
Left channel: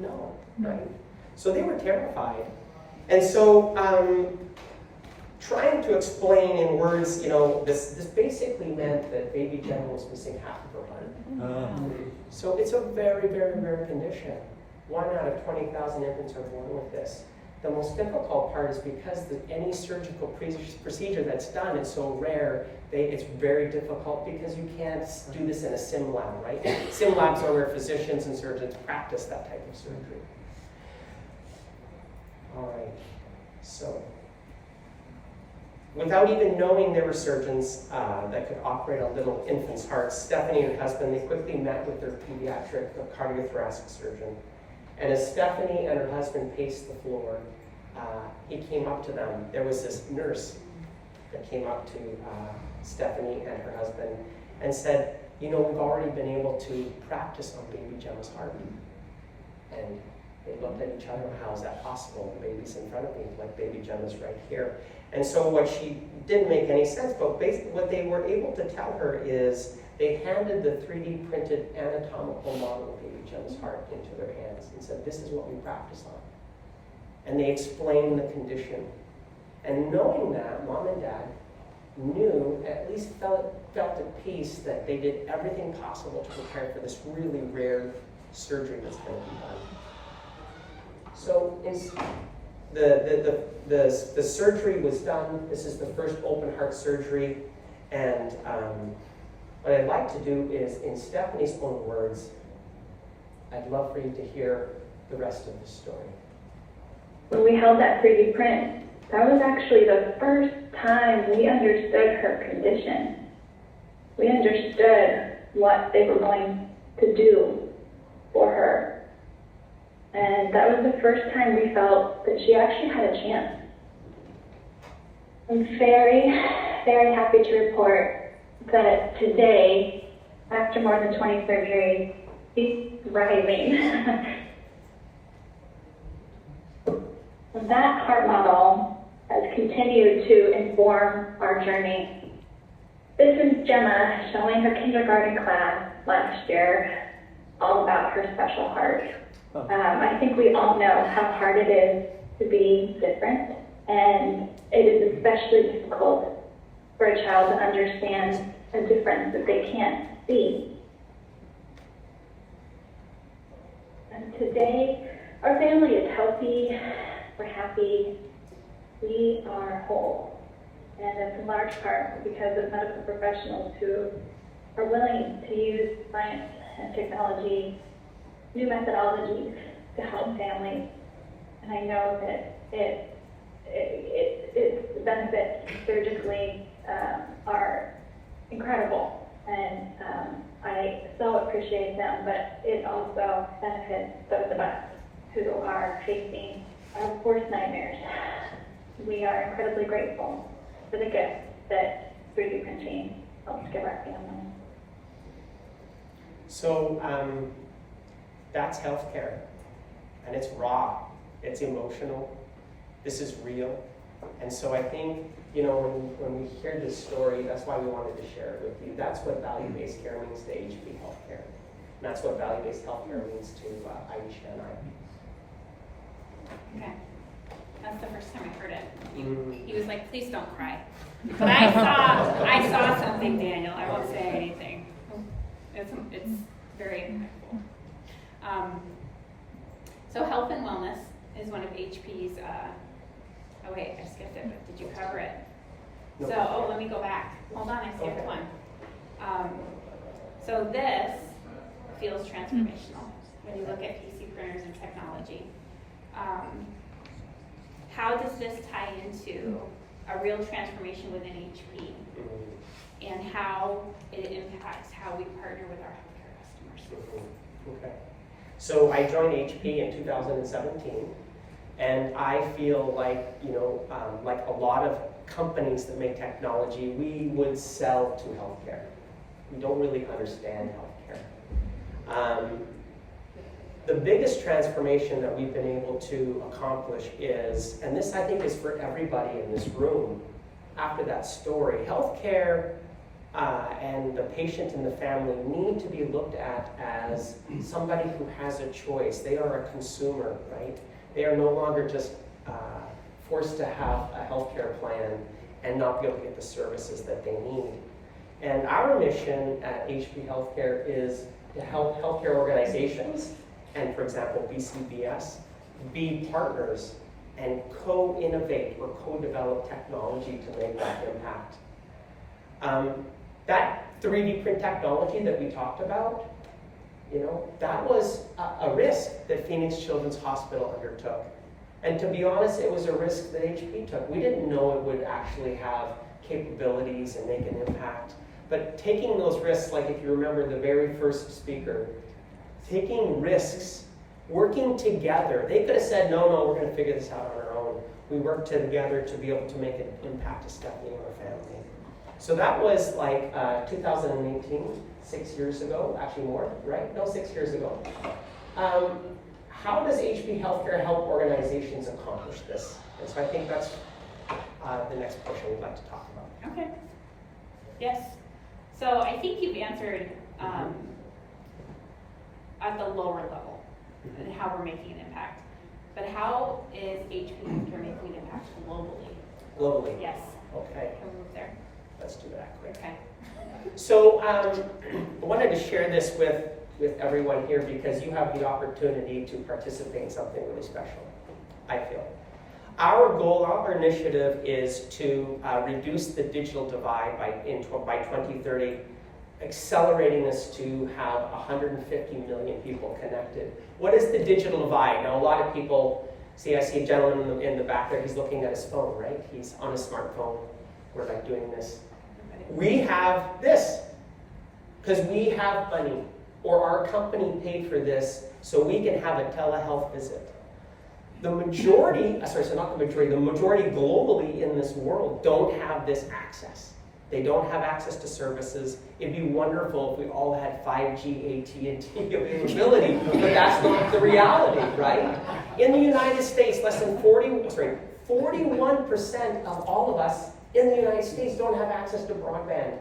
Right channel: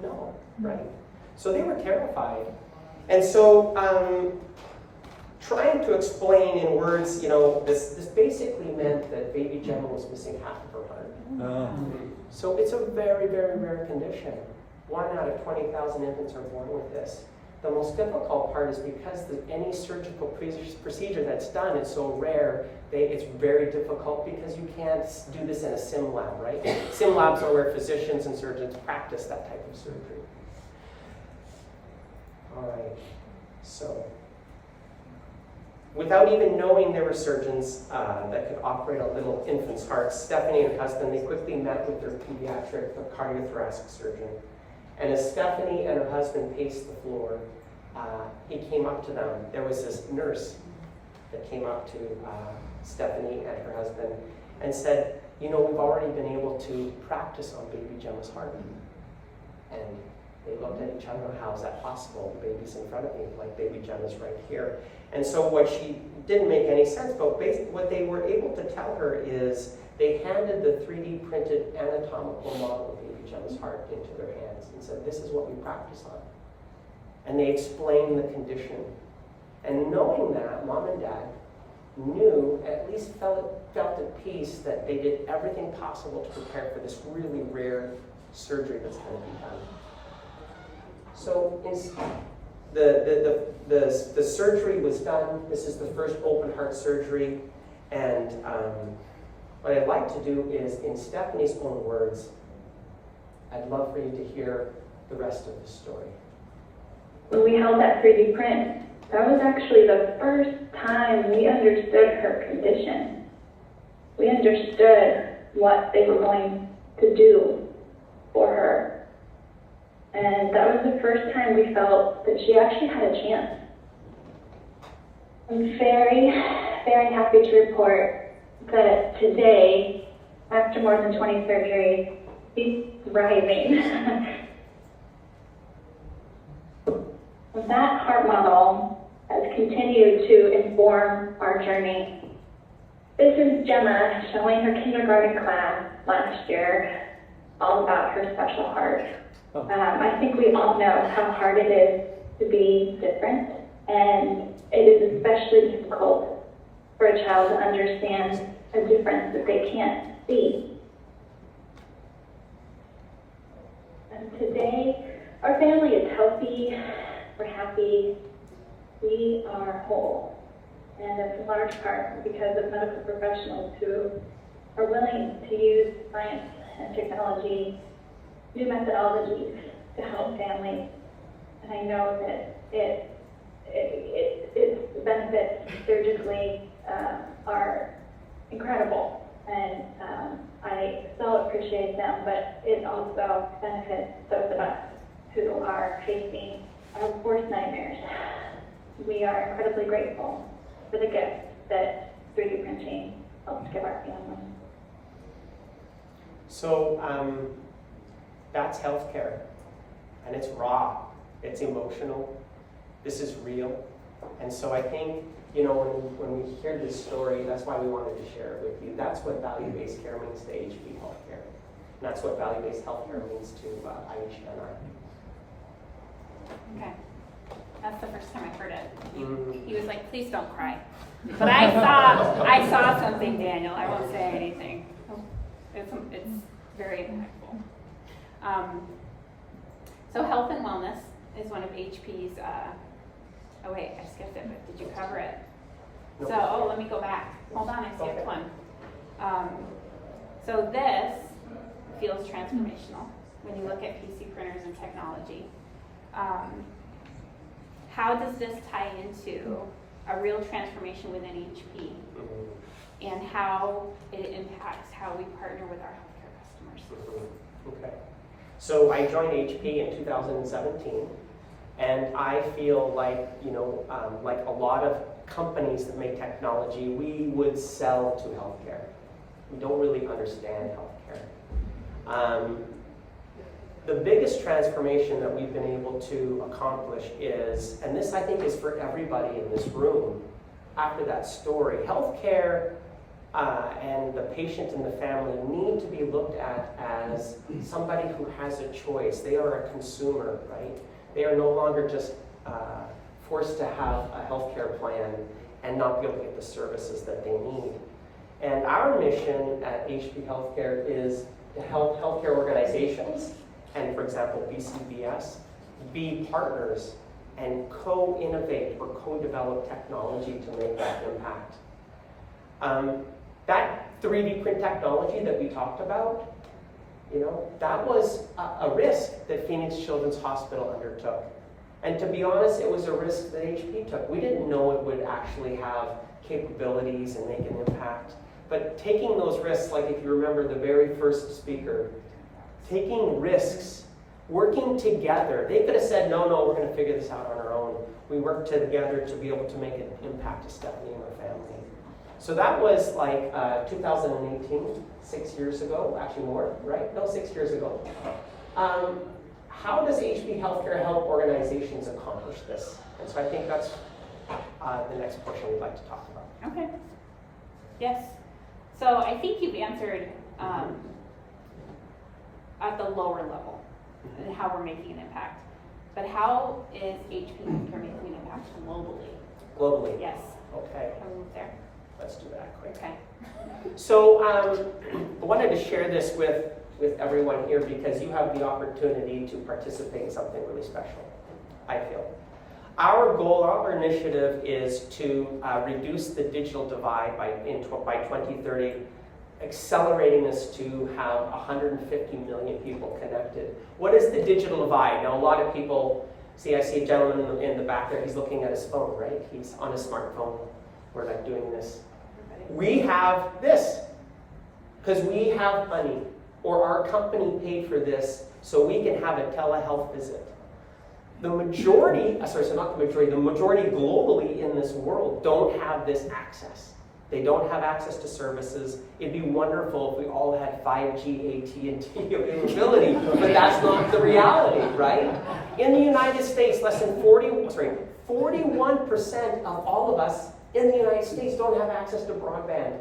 No, right? So they were terrified. And so trying to explain in words, you know, this basically meant that baby Gemma was missing half of her heart. So it's a very, very rare condition. 1 out of 20,000 infants are born with this. The most difficult part is because any surgical procedure that's done is so rare, it's very difficult because you can't do this in a sim lab, right? Sim labs are where physicians and surgeons practice that type of surgery. All right, so without even knowing there were surgeons that could operate on little infants' hearts, Stephanie and her husband, they quickly met with their pediatric cardiothoracic surgeon. And as Stephanie and her husband paced the floor, he came up to them. There was this nurse that came up to Stephanie and her husband and said, you know, we've already been able to practice on baby Gemma's heart. And they looked at each other, how's that possible? The baby's in front of me, like baby Jem is right here. And so what she didn't make any sense, but what they were able to tell her is they handed the 3D printed anatomical model of baby Jem's heart into their hands and said, this is what we practice on. And they explained the condition. And knowing that, mom and dad knew, at least felt at peace that they did everything possible to prepare for this really rare surgery that's going to be done. So the surgery was done. This is the first open heart surgery. And what I'd like to do is, in Stephanie's own words, I'd love for you to hear the rest of the story. When we held that 3D print, that was actually the first time we understood her condition. We understood what they were going to do for her. And that was the first time we felt that she actually had a chance. I'm very, very happy to report that today, after more than 20 surgeries, she's thriving. That heart model has continued to inform our journey. This is Gemma showing her kindergarten class last year all about her special heart. I think we all know how hard it is to be different, and it is especially difficult for a child to understand a difference that they can't see. And today, our family is healthy, we're happy, we are whole. And it's in large part because of medical professionals who are willing to use science and technology, new methodologies to help families. And I know that its benefits surgically are incredible. And I so appreciate them, but it also benefits those of us who are facing our worst nightmares. We are incredibly grateful for the gift that 3D printing helps give our family. So that's healthcare, and it's raw, it's emotional, this is real. And so I think, when we hear this story, that's why we wanted to share it with you. That's what value-based care means to HP Healthcare. And that's what value-based healthcare means to Aisha and I. Okay. That's the first time I've heard it. He was like, please don't cry. But I saw something, Daniel. I won't say anything. It's very impactful. So health and wellness is one of HP's, oh wait, I skipped it, but did you cover it? No. So, let me go back. Hold on, I skipped Okay. one. So this feels transformational when you look at PC printers and technology. How does this tie into a real transformation within HP and how it impacts how we partner with our healthcare customers? Okay. So I joined HP in 2017, and I feel like, like a lot of companies that make technology, we would sell to healthcare. We don't really understand healthcare. The biggest transformation that we've been able to accomplish is, and this I think is for everybody in this room, after that story, healthcare and the patient and the family need to be looked at as somebody who has a choice. They are a consumer, right? They are no longer just forced to have a healthcare plan and not be able to get the services that they need. And our mission at HP Healthcare is to help healthcare organizations, and for example, BCBS, be partners and co-innovate or co-develop technology to make that impact. That 3D print technology that we talked about, that was a risk that Phoenix Children's Hospital undertook. And to be honest, it was a risk that HP took. We didn't know it would actually have capabilities and make an impact. But taking those risks, like if you remember the very first speaker, taking risks, working together. They could have said, no, we're going to figure this out on our own. We worked together to be able to make an impact to Stephanie and her family. So that was like 2018, 6 years ago, actually more, right? No, 6 years ago. how does HP Healthcare help organizations accomplish this? And so I think that's the next portion we'd like to talk about. Okay. Yes. So I think you've answered at the lower level and how we're making an impact. But how is HP Healthcare making an impact globally? Globally? Yes. Okay. Can we move there? Let's do that quick. Okay. So I wanted to share this with everyone here because you have the opportunity to participate in something really special, I feel. Our goal, our initiative is to reduce the digital divide by 2030, accelerating us to have 150 million people connected. What is the digital divide? Now, a lot of people, I see a gentleman in the back there, he's looking at his phone, right? He's on his smartphone. We're like doing this. We have this, because we have money, or our company paid for this, so we can have a telehealth visit. The majority globally in this world don't have this access. They don't have access to services. It'd be wonderful if we all had 5G, AT&T availability, but that's not the reality, right? In the United States, less than 41% of all of us in the United States don't have access to broadband.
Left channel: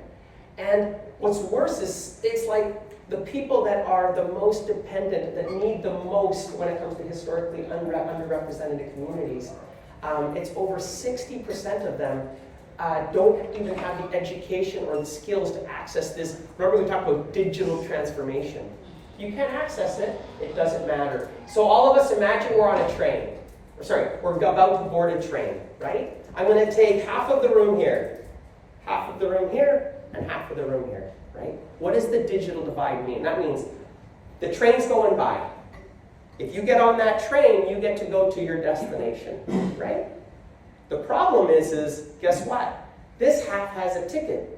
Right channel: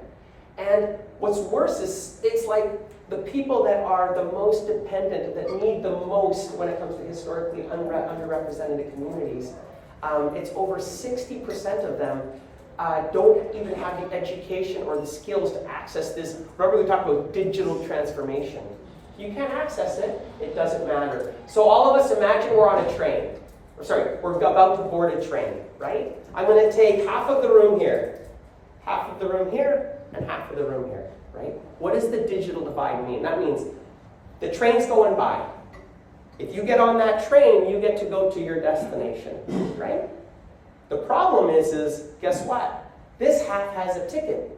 And what's worse is it's like the people that are the most dependent, that need the most when it comes to historically underrepresented communities, it's over 60% of them don't even have the education or the skills to access this. Remember we talked about digital transformation. You can't access it, it doesn't matter. So all of us imagine we're on a train. We're about to board a train, right? I'm going to take half of the room here, half of the room here, and half of the room here, right? What does the digital divide mean? That means the train's going by. If you get on that train, you get to go to your destination, right? The problem is guess what? This half has a ticket.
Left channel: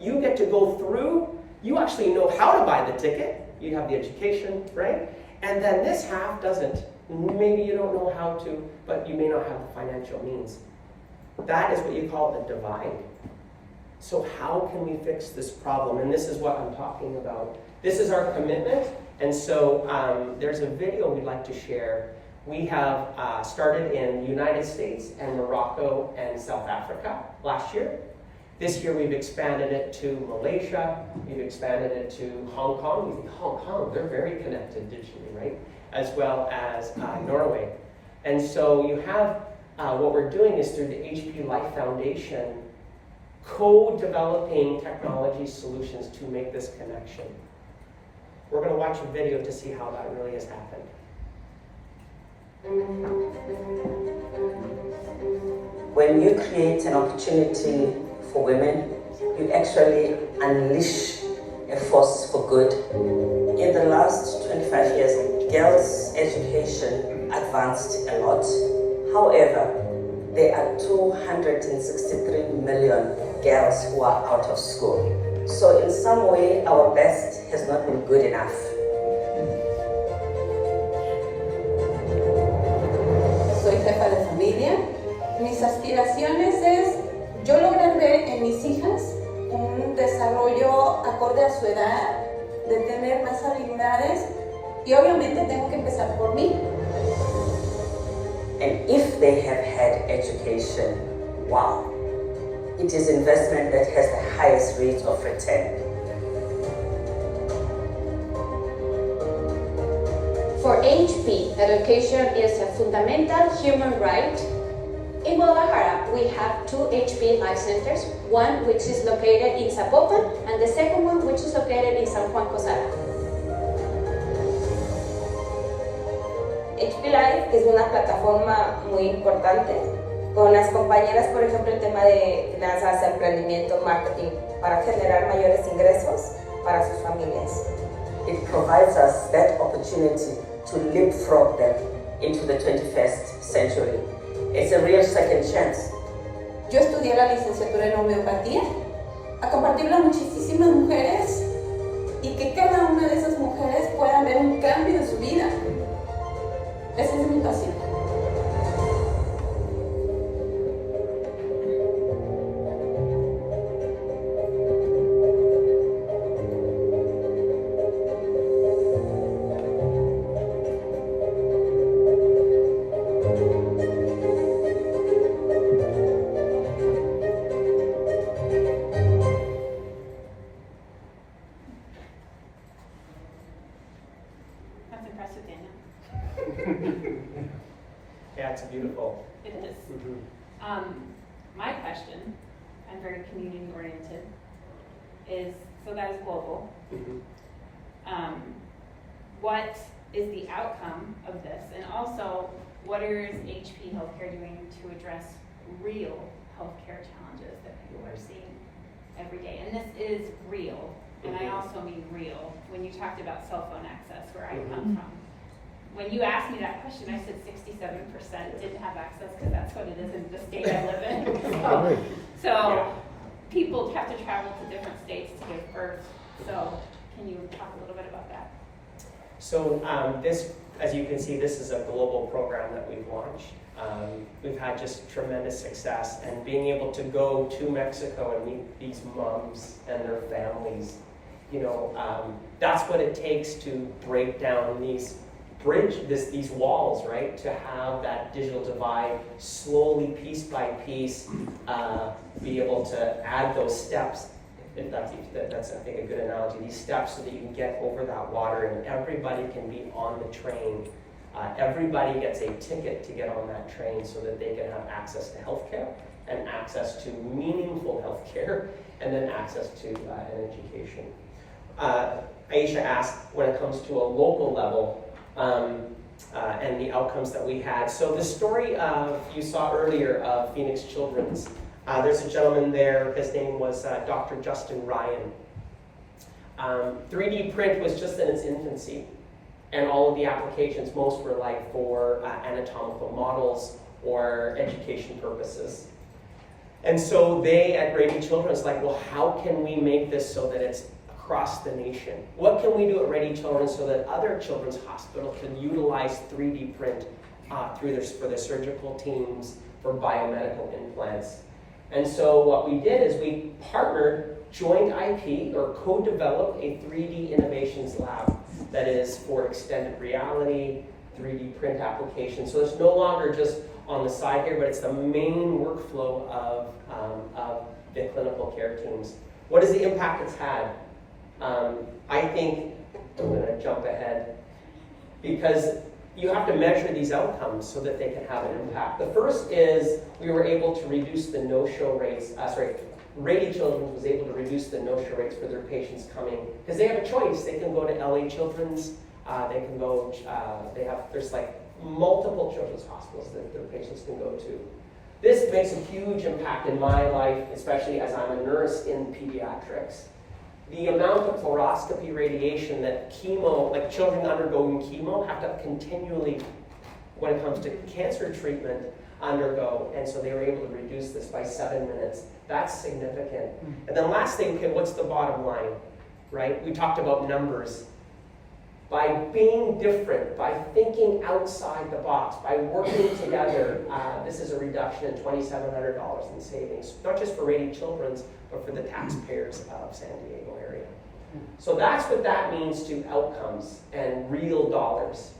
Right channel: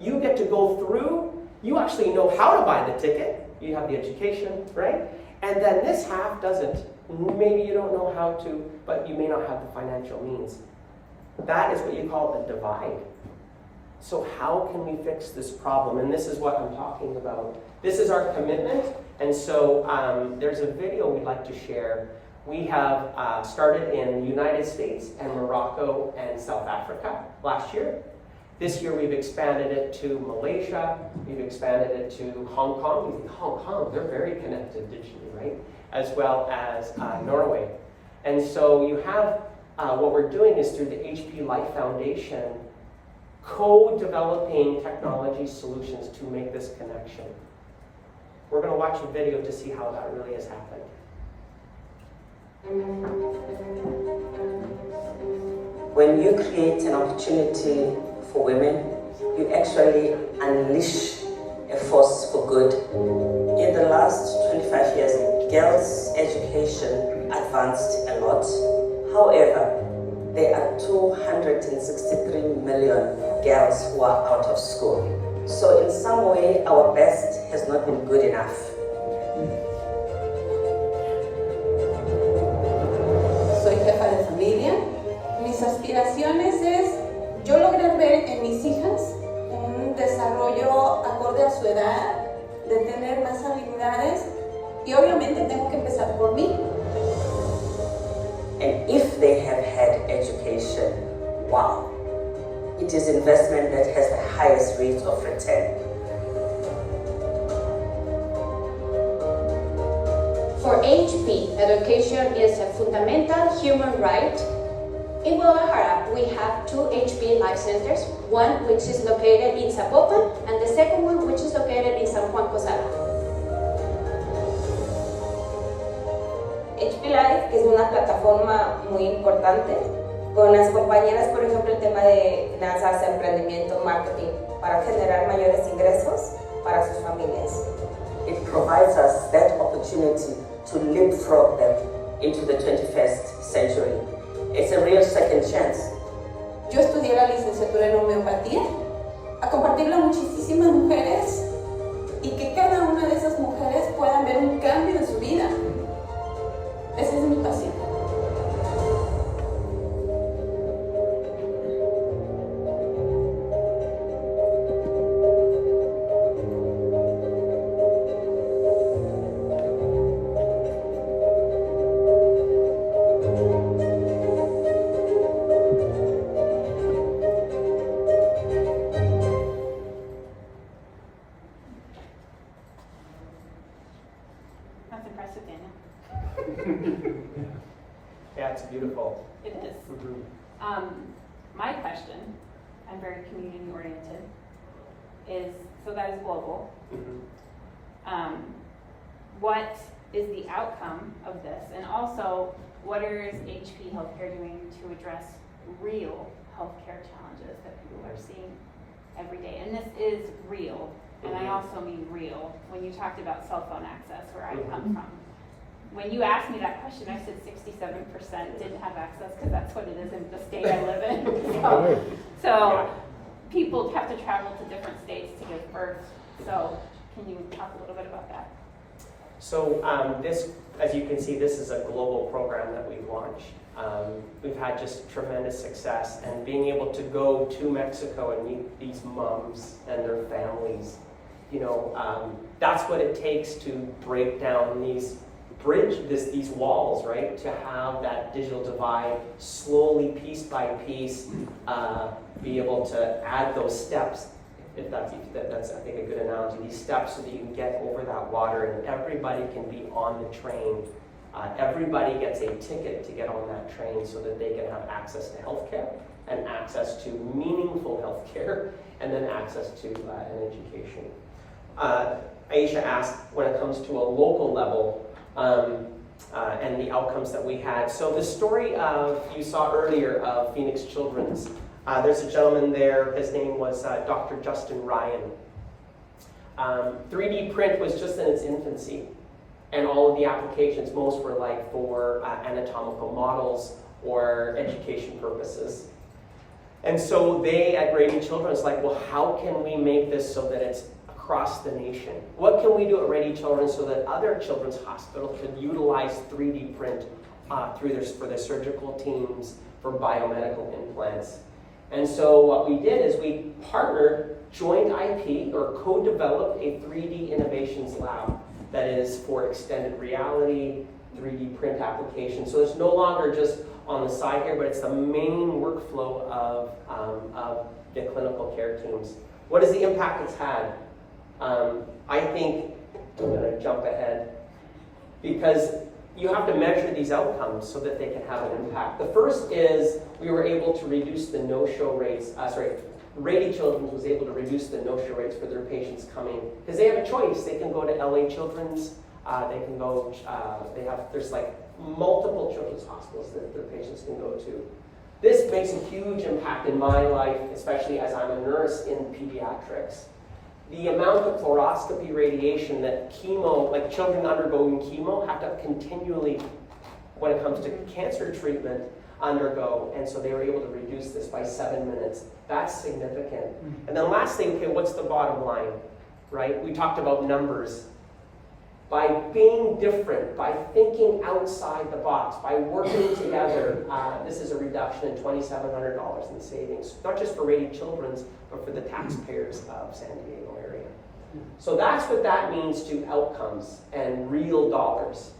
You get to go through, you actually know how to buy the ticket. You have the education, right? And then this half doesn't. Maybe you don't know how to, but you may not have the financial means. That is what you call a divide. So how can we fix this problem? And this is what I'm talking about. This is our commitment. And so there's a video we'd like to share. We have started in the United States and Morocco and South Africa last year. This year we've expanded it to Malaysia. We've expanded it to Hong Kong. You think Hong Kong, they're very connected digitally, right? As well as Norway. And so you have, what we're doing is through the HP Life Foundation, co-developing technology solutions to make this connection. We're going to watch a video to see how that really has happened. When you create an opportunity for women, you actually unleash a force for good. In the last 25 years, girls' education advanced a lot. However, there are 263 million girls who are out of school. So in some way, our best has not been good enough. Soy jefa de familia. Mis aspiraciones es, yo lograr ver en mis hijas un desarrollo acorde a su edad, de tener más habilidades, y obviamente tengo que empezar por mí. And if they have had education, wow, it is investment that has the highest rate of return. For HP, education is a fundamental human right. In Guadalajara, we have 2 HP Life Centers, one which is located in Zapopan, and the second one which is located in San Juan Cosala. HP Life es una plataforma muy importante con las compañeras, por ejemplo, el tema de finanzas, emprendimiento, marketing, para generar mayores ingresos para sus familias. It provides us that opportunity to leapfrog them into the 21st century. It's a real second chance. Yo estudié la licenciatura en homeopatía, a compartirla a muchísimas mujeres y que cada una de esas mujeres puedan ver un cambio en su vida. Esa es mi pasión. Yeah, it's beautiful. It is. My question, I'm very community oriented, is, so that is global. What is the outcome of this? And also, what is HP Healthcare doing to address real healthcare challenges that people are seeing every day? And this is real, and I also mean real. When you talked about cell phone access, where I come from, when you asked me that question, I said 67% didn't have access, because that's what it is in the state I live in. So people have to travel to different states to give birth. So can you talk a little bit about that? So this, as you can see, this is a global program that we've launched. We've had just tremendous success, and being able to go to Mexico and meet these moms and their families, you know, that's what it takes to break down these walls, right? To have that digital divide slowly, piece by piece, be able to add those steps. If that's I think a good analogy. These steps so that you can get over that water, and everybody can be on the train. Everybody gets a ticket to get on that train so that they can have access to healthcare and access to meaningful healthcare, and then access to an education. Aisha asked when it comes to a local level and the outcomes that we had. So the story you saw earlier of Phoenix Children's. There's a gentleman there, his name was Dr. Justin Ryan. 3D print was just in its infancy, and all of the applications, most were like for anatomical models or education purposes. And so they at Rady Children's like, well, how can we make this so that it's across the nation? What can we do at Rady Children's so that other children's hospitals can utilize 3D print for their surgical teams, for biomedical implants? And so what we did is we partnered, joint IP, or co-developed a 3D innovations lab that is for extended reality, 3D print applications. So it's no longer just on the side here, but it's the main workflow of the clinical care teams. What is the impact it's had? I think, I'm going to jump ahead, because you have to measure these outcomes so that they can have an impact. The first is we were able to reduce the no-show rates. Rady Children's was able to reduce the no-show rates for their patients coming, because they have a choice. They can go to LA Children's. They can go. There's like multiple children's hospitals that their patients can go to. This makes a huge impact in my life, especially as I'm a nurse in pediatrics. The amount of fluoroscopy radiation that chemo, like children undergoing chemo, have to continually, when it comes to cancer treatment, undergo. And so they were able to reduce this by 7 minutes. That's significant. And then lastly, okay, what's the bottom line, right? We talked about numbers. By being different, by thinking outside the box, by working together, this is a reduction in $2,700 in savings, not just for Rady Children's, but for the taxpayers of San Diego area. So that's what that means to outcomes and real dollars.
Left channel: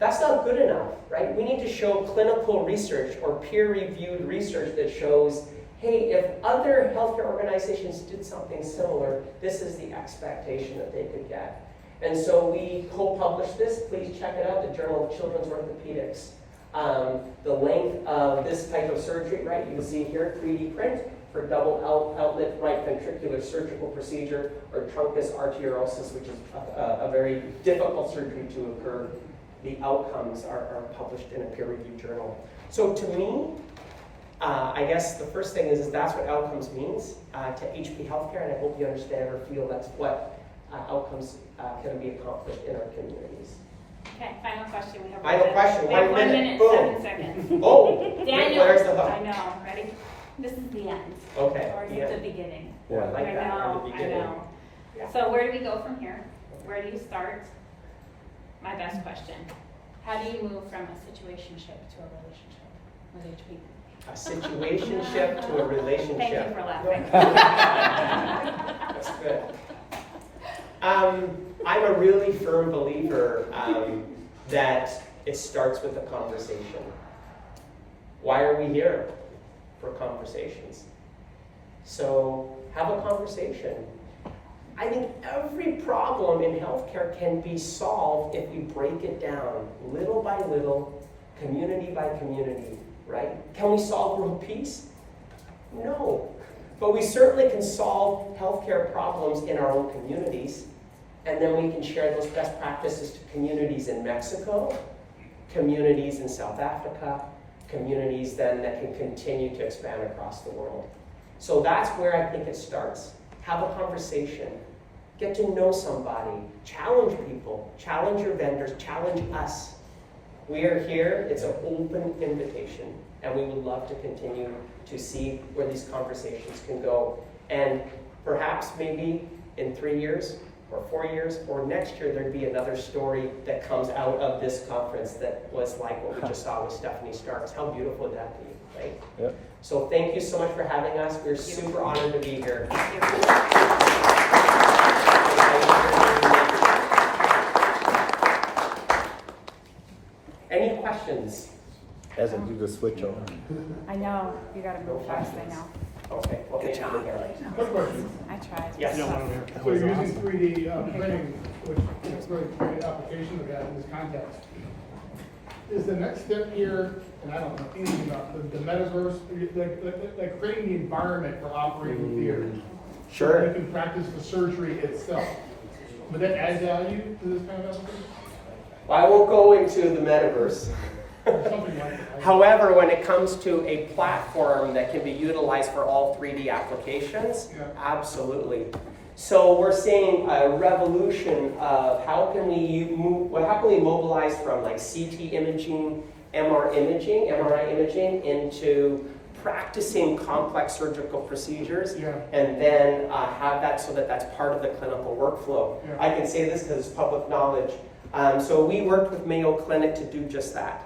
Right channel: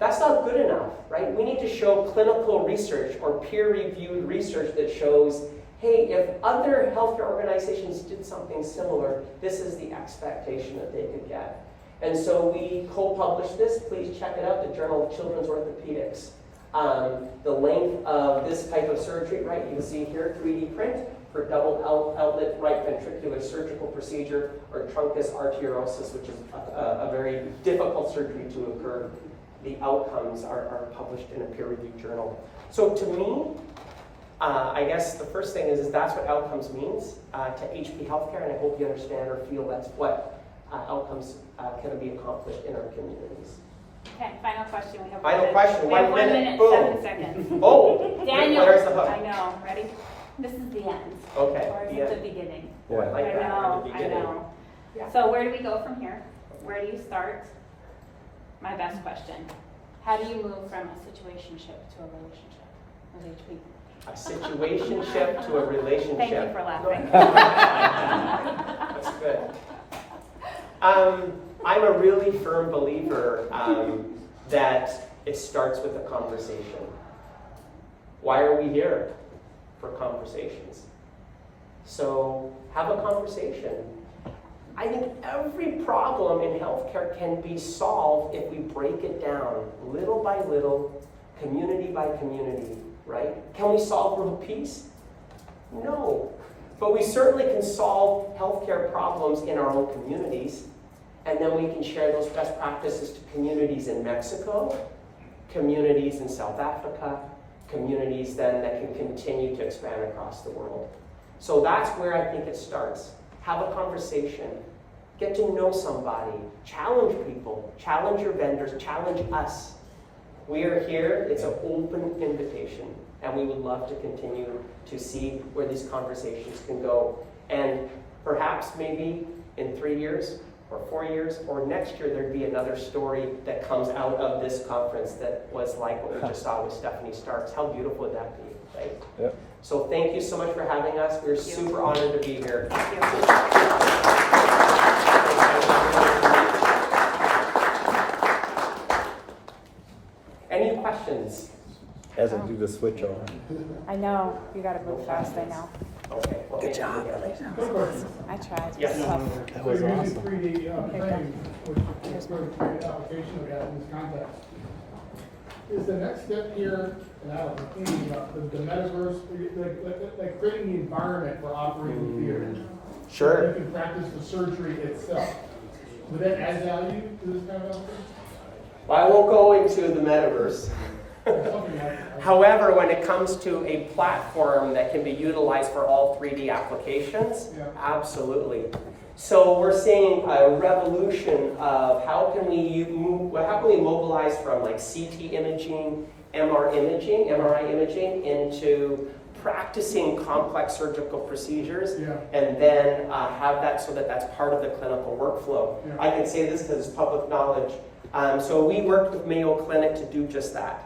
That's not good enough, right? We need to show clinical research or peer-reviewed research that shows, hey, if other healthcare organizations did something similar, this is the expectation that they could get. And so we co-published this. Please check it out, the Journal of Children's Orthopedics. The length of this type of surgery, right? You can see here, 3D print for double outlet right ventricular surgical procedure, or truncus arteriosus, which is a very difficult surgery to occur. The outcomes are published in a peer-reviewed journal. So to me, I guess the first thing is that's what outcomes means to HP Healthcare, and I hope you understand or feel that's what outcomes can be accomplished in our communities. Okay, final question. We have Final question. We have 1 minute, Boom. 7 seconds. Oh, Daniel, there's the hook. I know. Ready? This is the end. Okay. Or is it the beginning? Oh, I like I that. know, Or the I beginning. know. So where do we go from here? Where do you start? My best question. How do you move from a situationship to a relationship with HP? A situationship to a relationship. Thank you for laughing. That's good. I'm a really firm believer that it starts with a conversation. Why are we here? For conversations. So have a conversation. I think every problem in healthcare can be solved if we break it down little by little, community by community, right? Can we solve world peace? No. But we certainly can solve healthcare problems in our own communities, and then we can share those best practices to communities in Mexico, communities in South Africa, communities then that can continue to expand across the world. So that's where I think it starts. Have a conversation. Get to know somebody. Challenge people. Challenge your vendors. Challenge us. We are here. It's an open invitation. And we would love to continue to see where these conversations can go. And perhaps maybe in 3 years or 4 years or next year, there'd be another story that comes out of this conference that was like what we just saw with Stephanie Starks. How beautiful would that be, right? Yeah. So thank you so much for having us. We're super honored to be here. Any questions? As I do the switch on. I know, you gotta go fast, I know. Okay, well, thank you again. Quick question. I tried. Yes. So you're using 3D printing, which is really a great application of that in this context. Is the next step here, and I don't know anything about the metaverse, like creating the environment for operating theater? Sure. So you can practice the surgery itself. Would that add value to this kind of application? Well, I won't go into the metaverse. However, when it comes to a platform that can be utilized for all 3D applications, absolutely. So we're seeing a revolution of how can we mobilize from like CT imaging, MRI imaging into practicing complex surgical procedures, and then have that so that that's part of the clinical workflow. I can say this because it's public knowledge. So we worked with Mayo Clinic to do just that.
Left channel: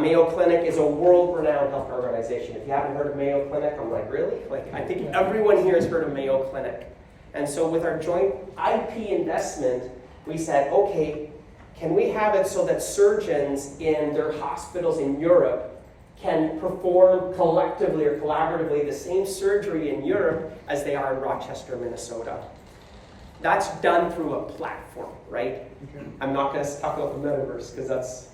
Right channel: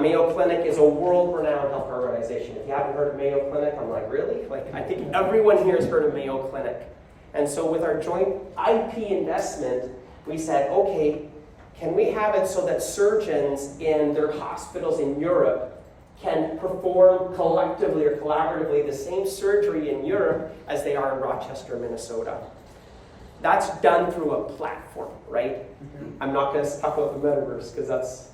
Mayo Clinic is a world-renowned health organization. If you haven't heard of Mayo Clinic, I'm like, really? Like, I think everyone here has heard of Mayo Clinic. And so with our joint IP investment, we said, okay, can we have it so that surgeons in their hospitals in Europe can perform collectively or collaboratively the same surgery in Europe as they are in Rochester, Minnesota? That's done through a platform, right? I'm not going to talk about the metaverse because that's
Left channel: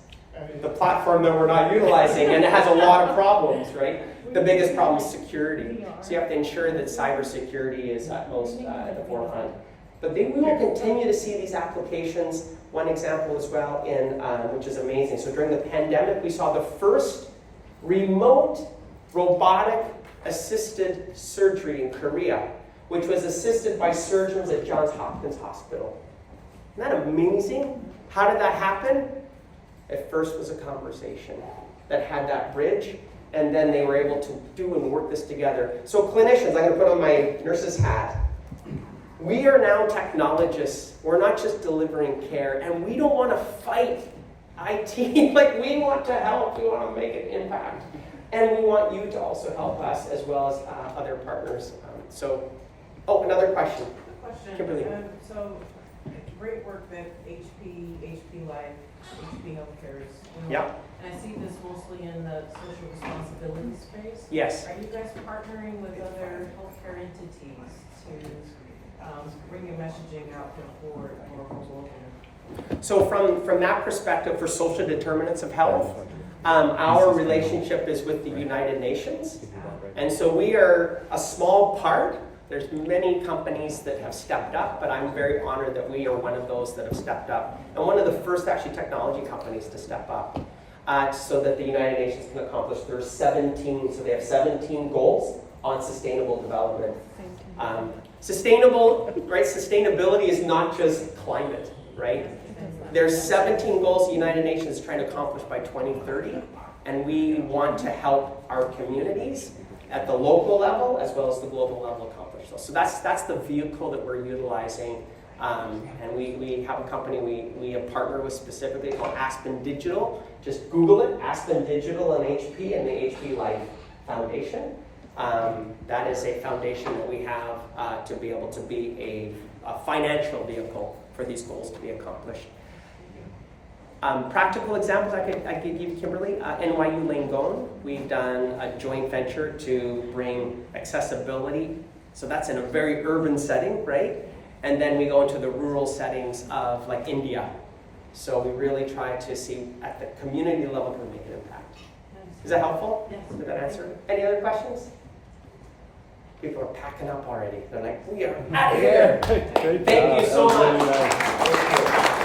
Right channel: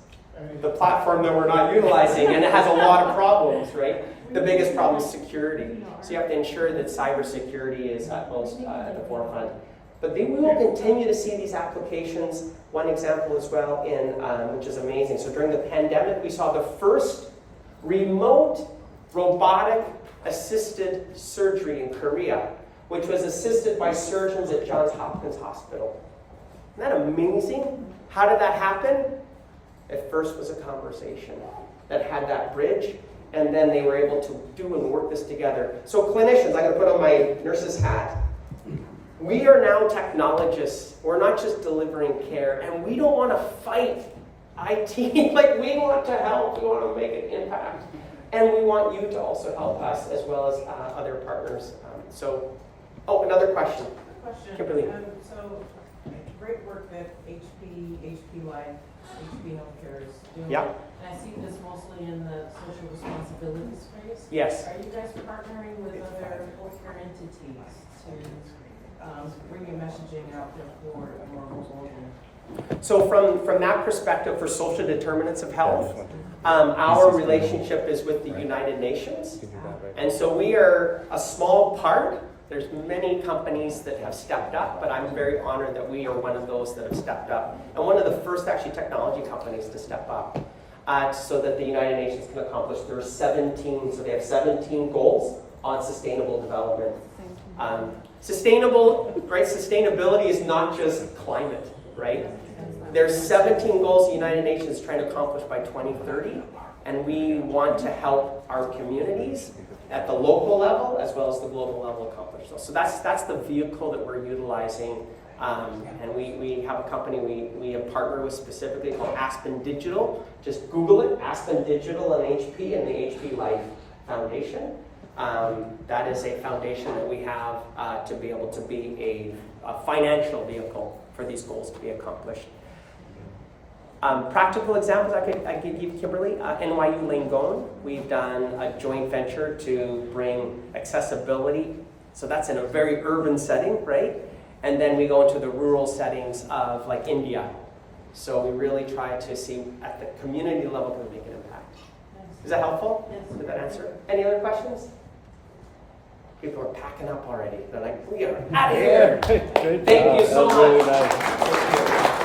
the platform that we're not utilizing, and it has a lot of problems, right? The biggest problem is security. So you have to ensure that cybersecurity is utmost at the forefront. But we will continue to see these applications. One example as well, which is amazing. So during the pandemic, we saw the first remote robotic assisted surgery in Korea, which was assisted by surgeons at Johns Hopkins Hospital. Isn't that amazing? How did that happen? At first was a conversation that had that bridge, and then they were able to do and work this together. So clinicians, I'm going to put on my nurse's hat. We are now technologists. We're not just delivering care, and we don't want to fight IT. Like, we want to help. We want to make an impact. And we want you to also help us as well as other partners. Another question. Kimberly. So, great work that HP Life, HP Healthcare is doing. Yeah. And I see this mostly in the social responsibility space. Yes. Are you guys partnering with other healthcare entities to bring your messaging out there for more globally? So from that perspective, for social determinants of health, our relationship is with the United Nations. And so we are a small part. There's many companies that have stepped up, but I'm very honored that we are one of those that have stepped up. And one of the first actually technology companies to step up so that the United Nations can accomplish their 17, so they have 17 goals on sustainable development. Sustainability is not just climate, right? There's 17 goals the United Nations is trying to accomplish by 2030, and we want to help our communities at the local level as well as the global level accomplish those. So that's the vehicle that we're utilizing, and we have a company we have partnered with specifically called Aspen Digital. Just Google it, Aspen Digital and HP and the HP Life Foundation. That is a foundation that we have to be able to be a financial vehicle for these goals to be accomplished. Practical examples I could give Kimberly. NYU Langone, we've done a joint venture to bring accessibility So that's in a very urban setting, right? And then we go into the rural settings of like India. So we really try to see at the community level can we make an impact. Is that helpful? Yes. Did that answer? Any other questions? People are packing up already. They're like, we are out of here. Thank you so much.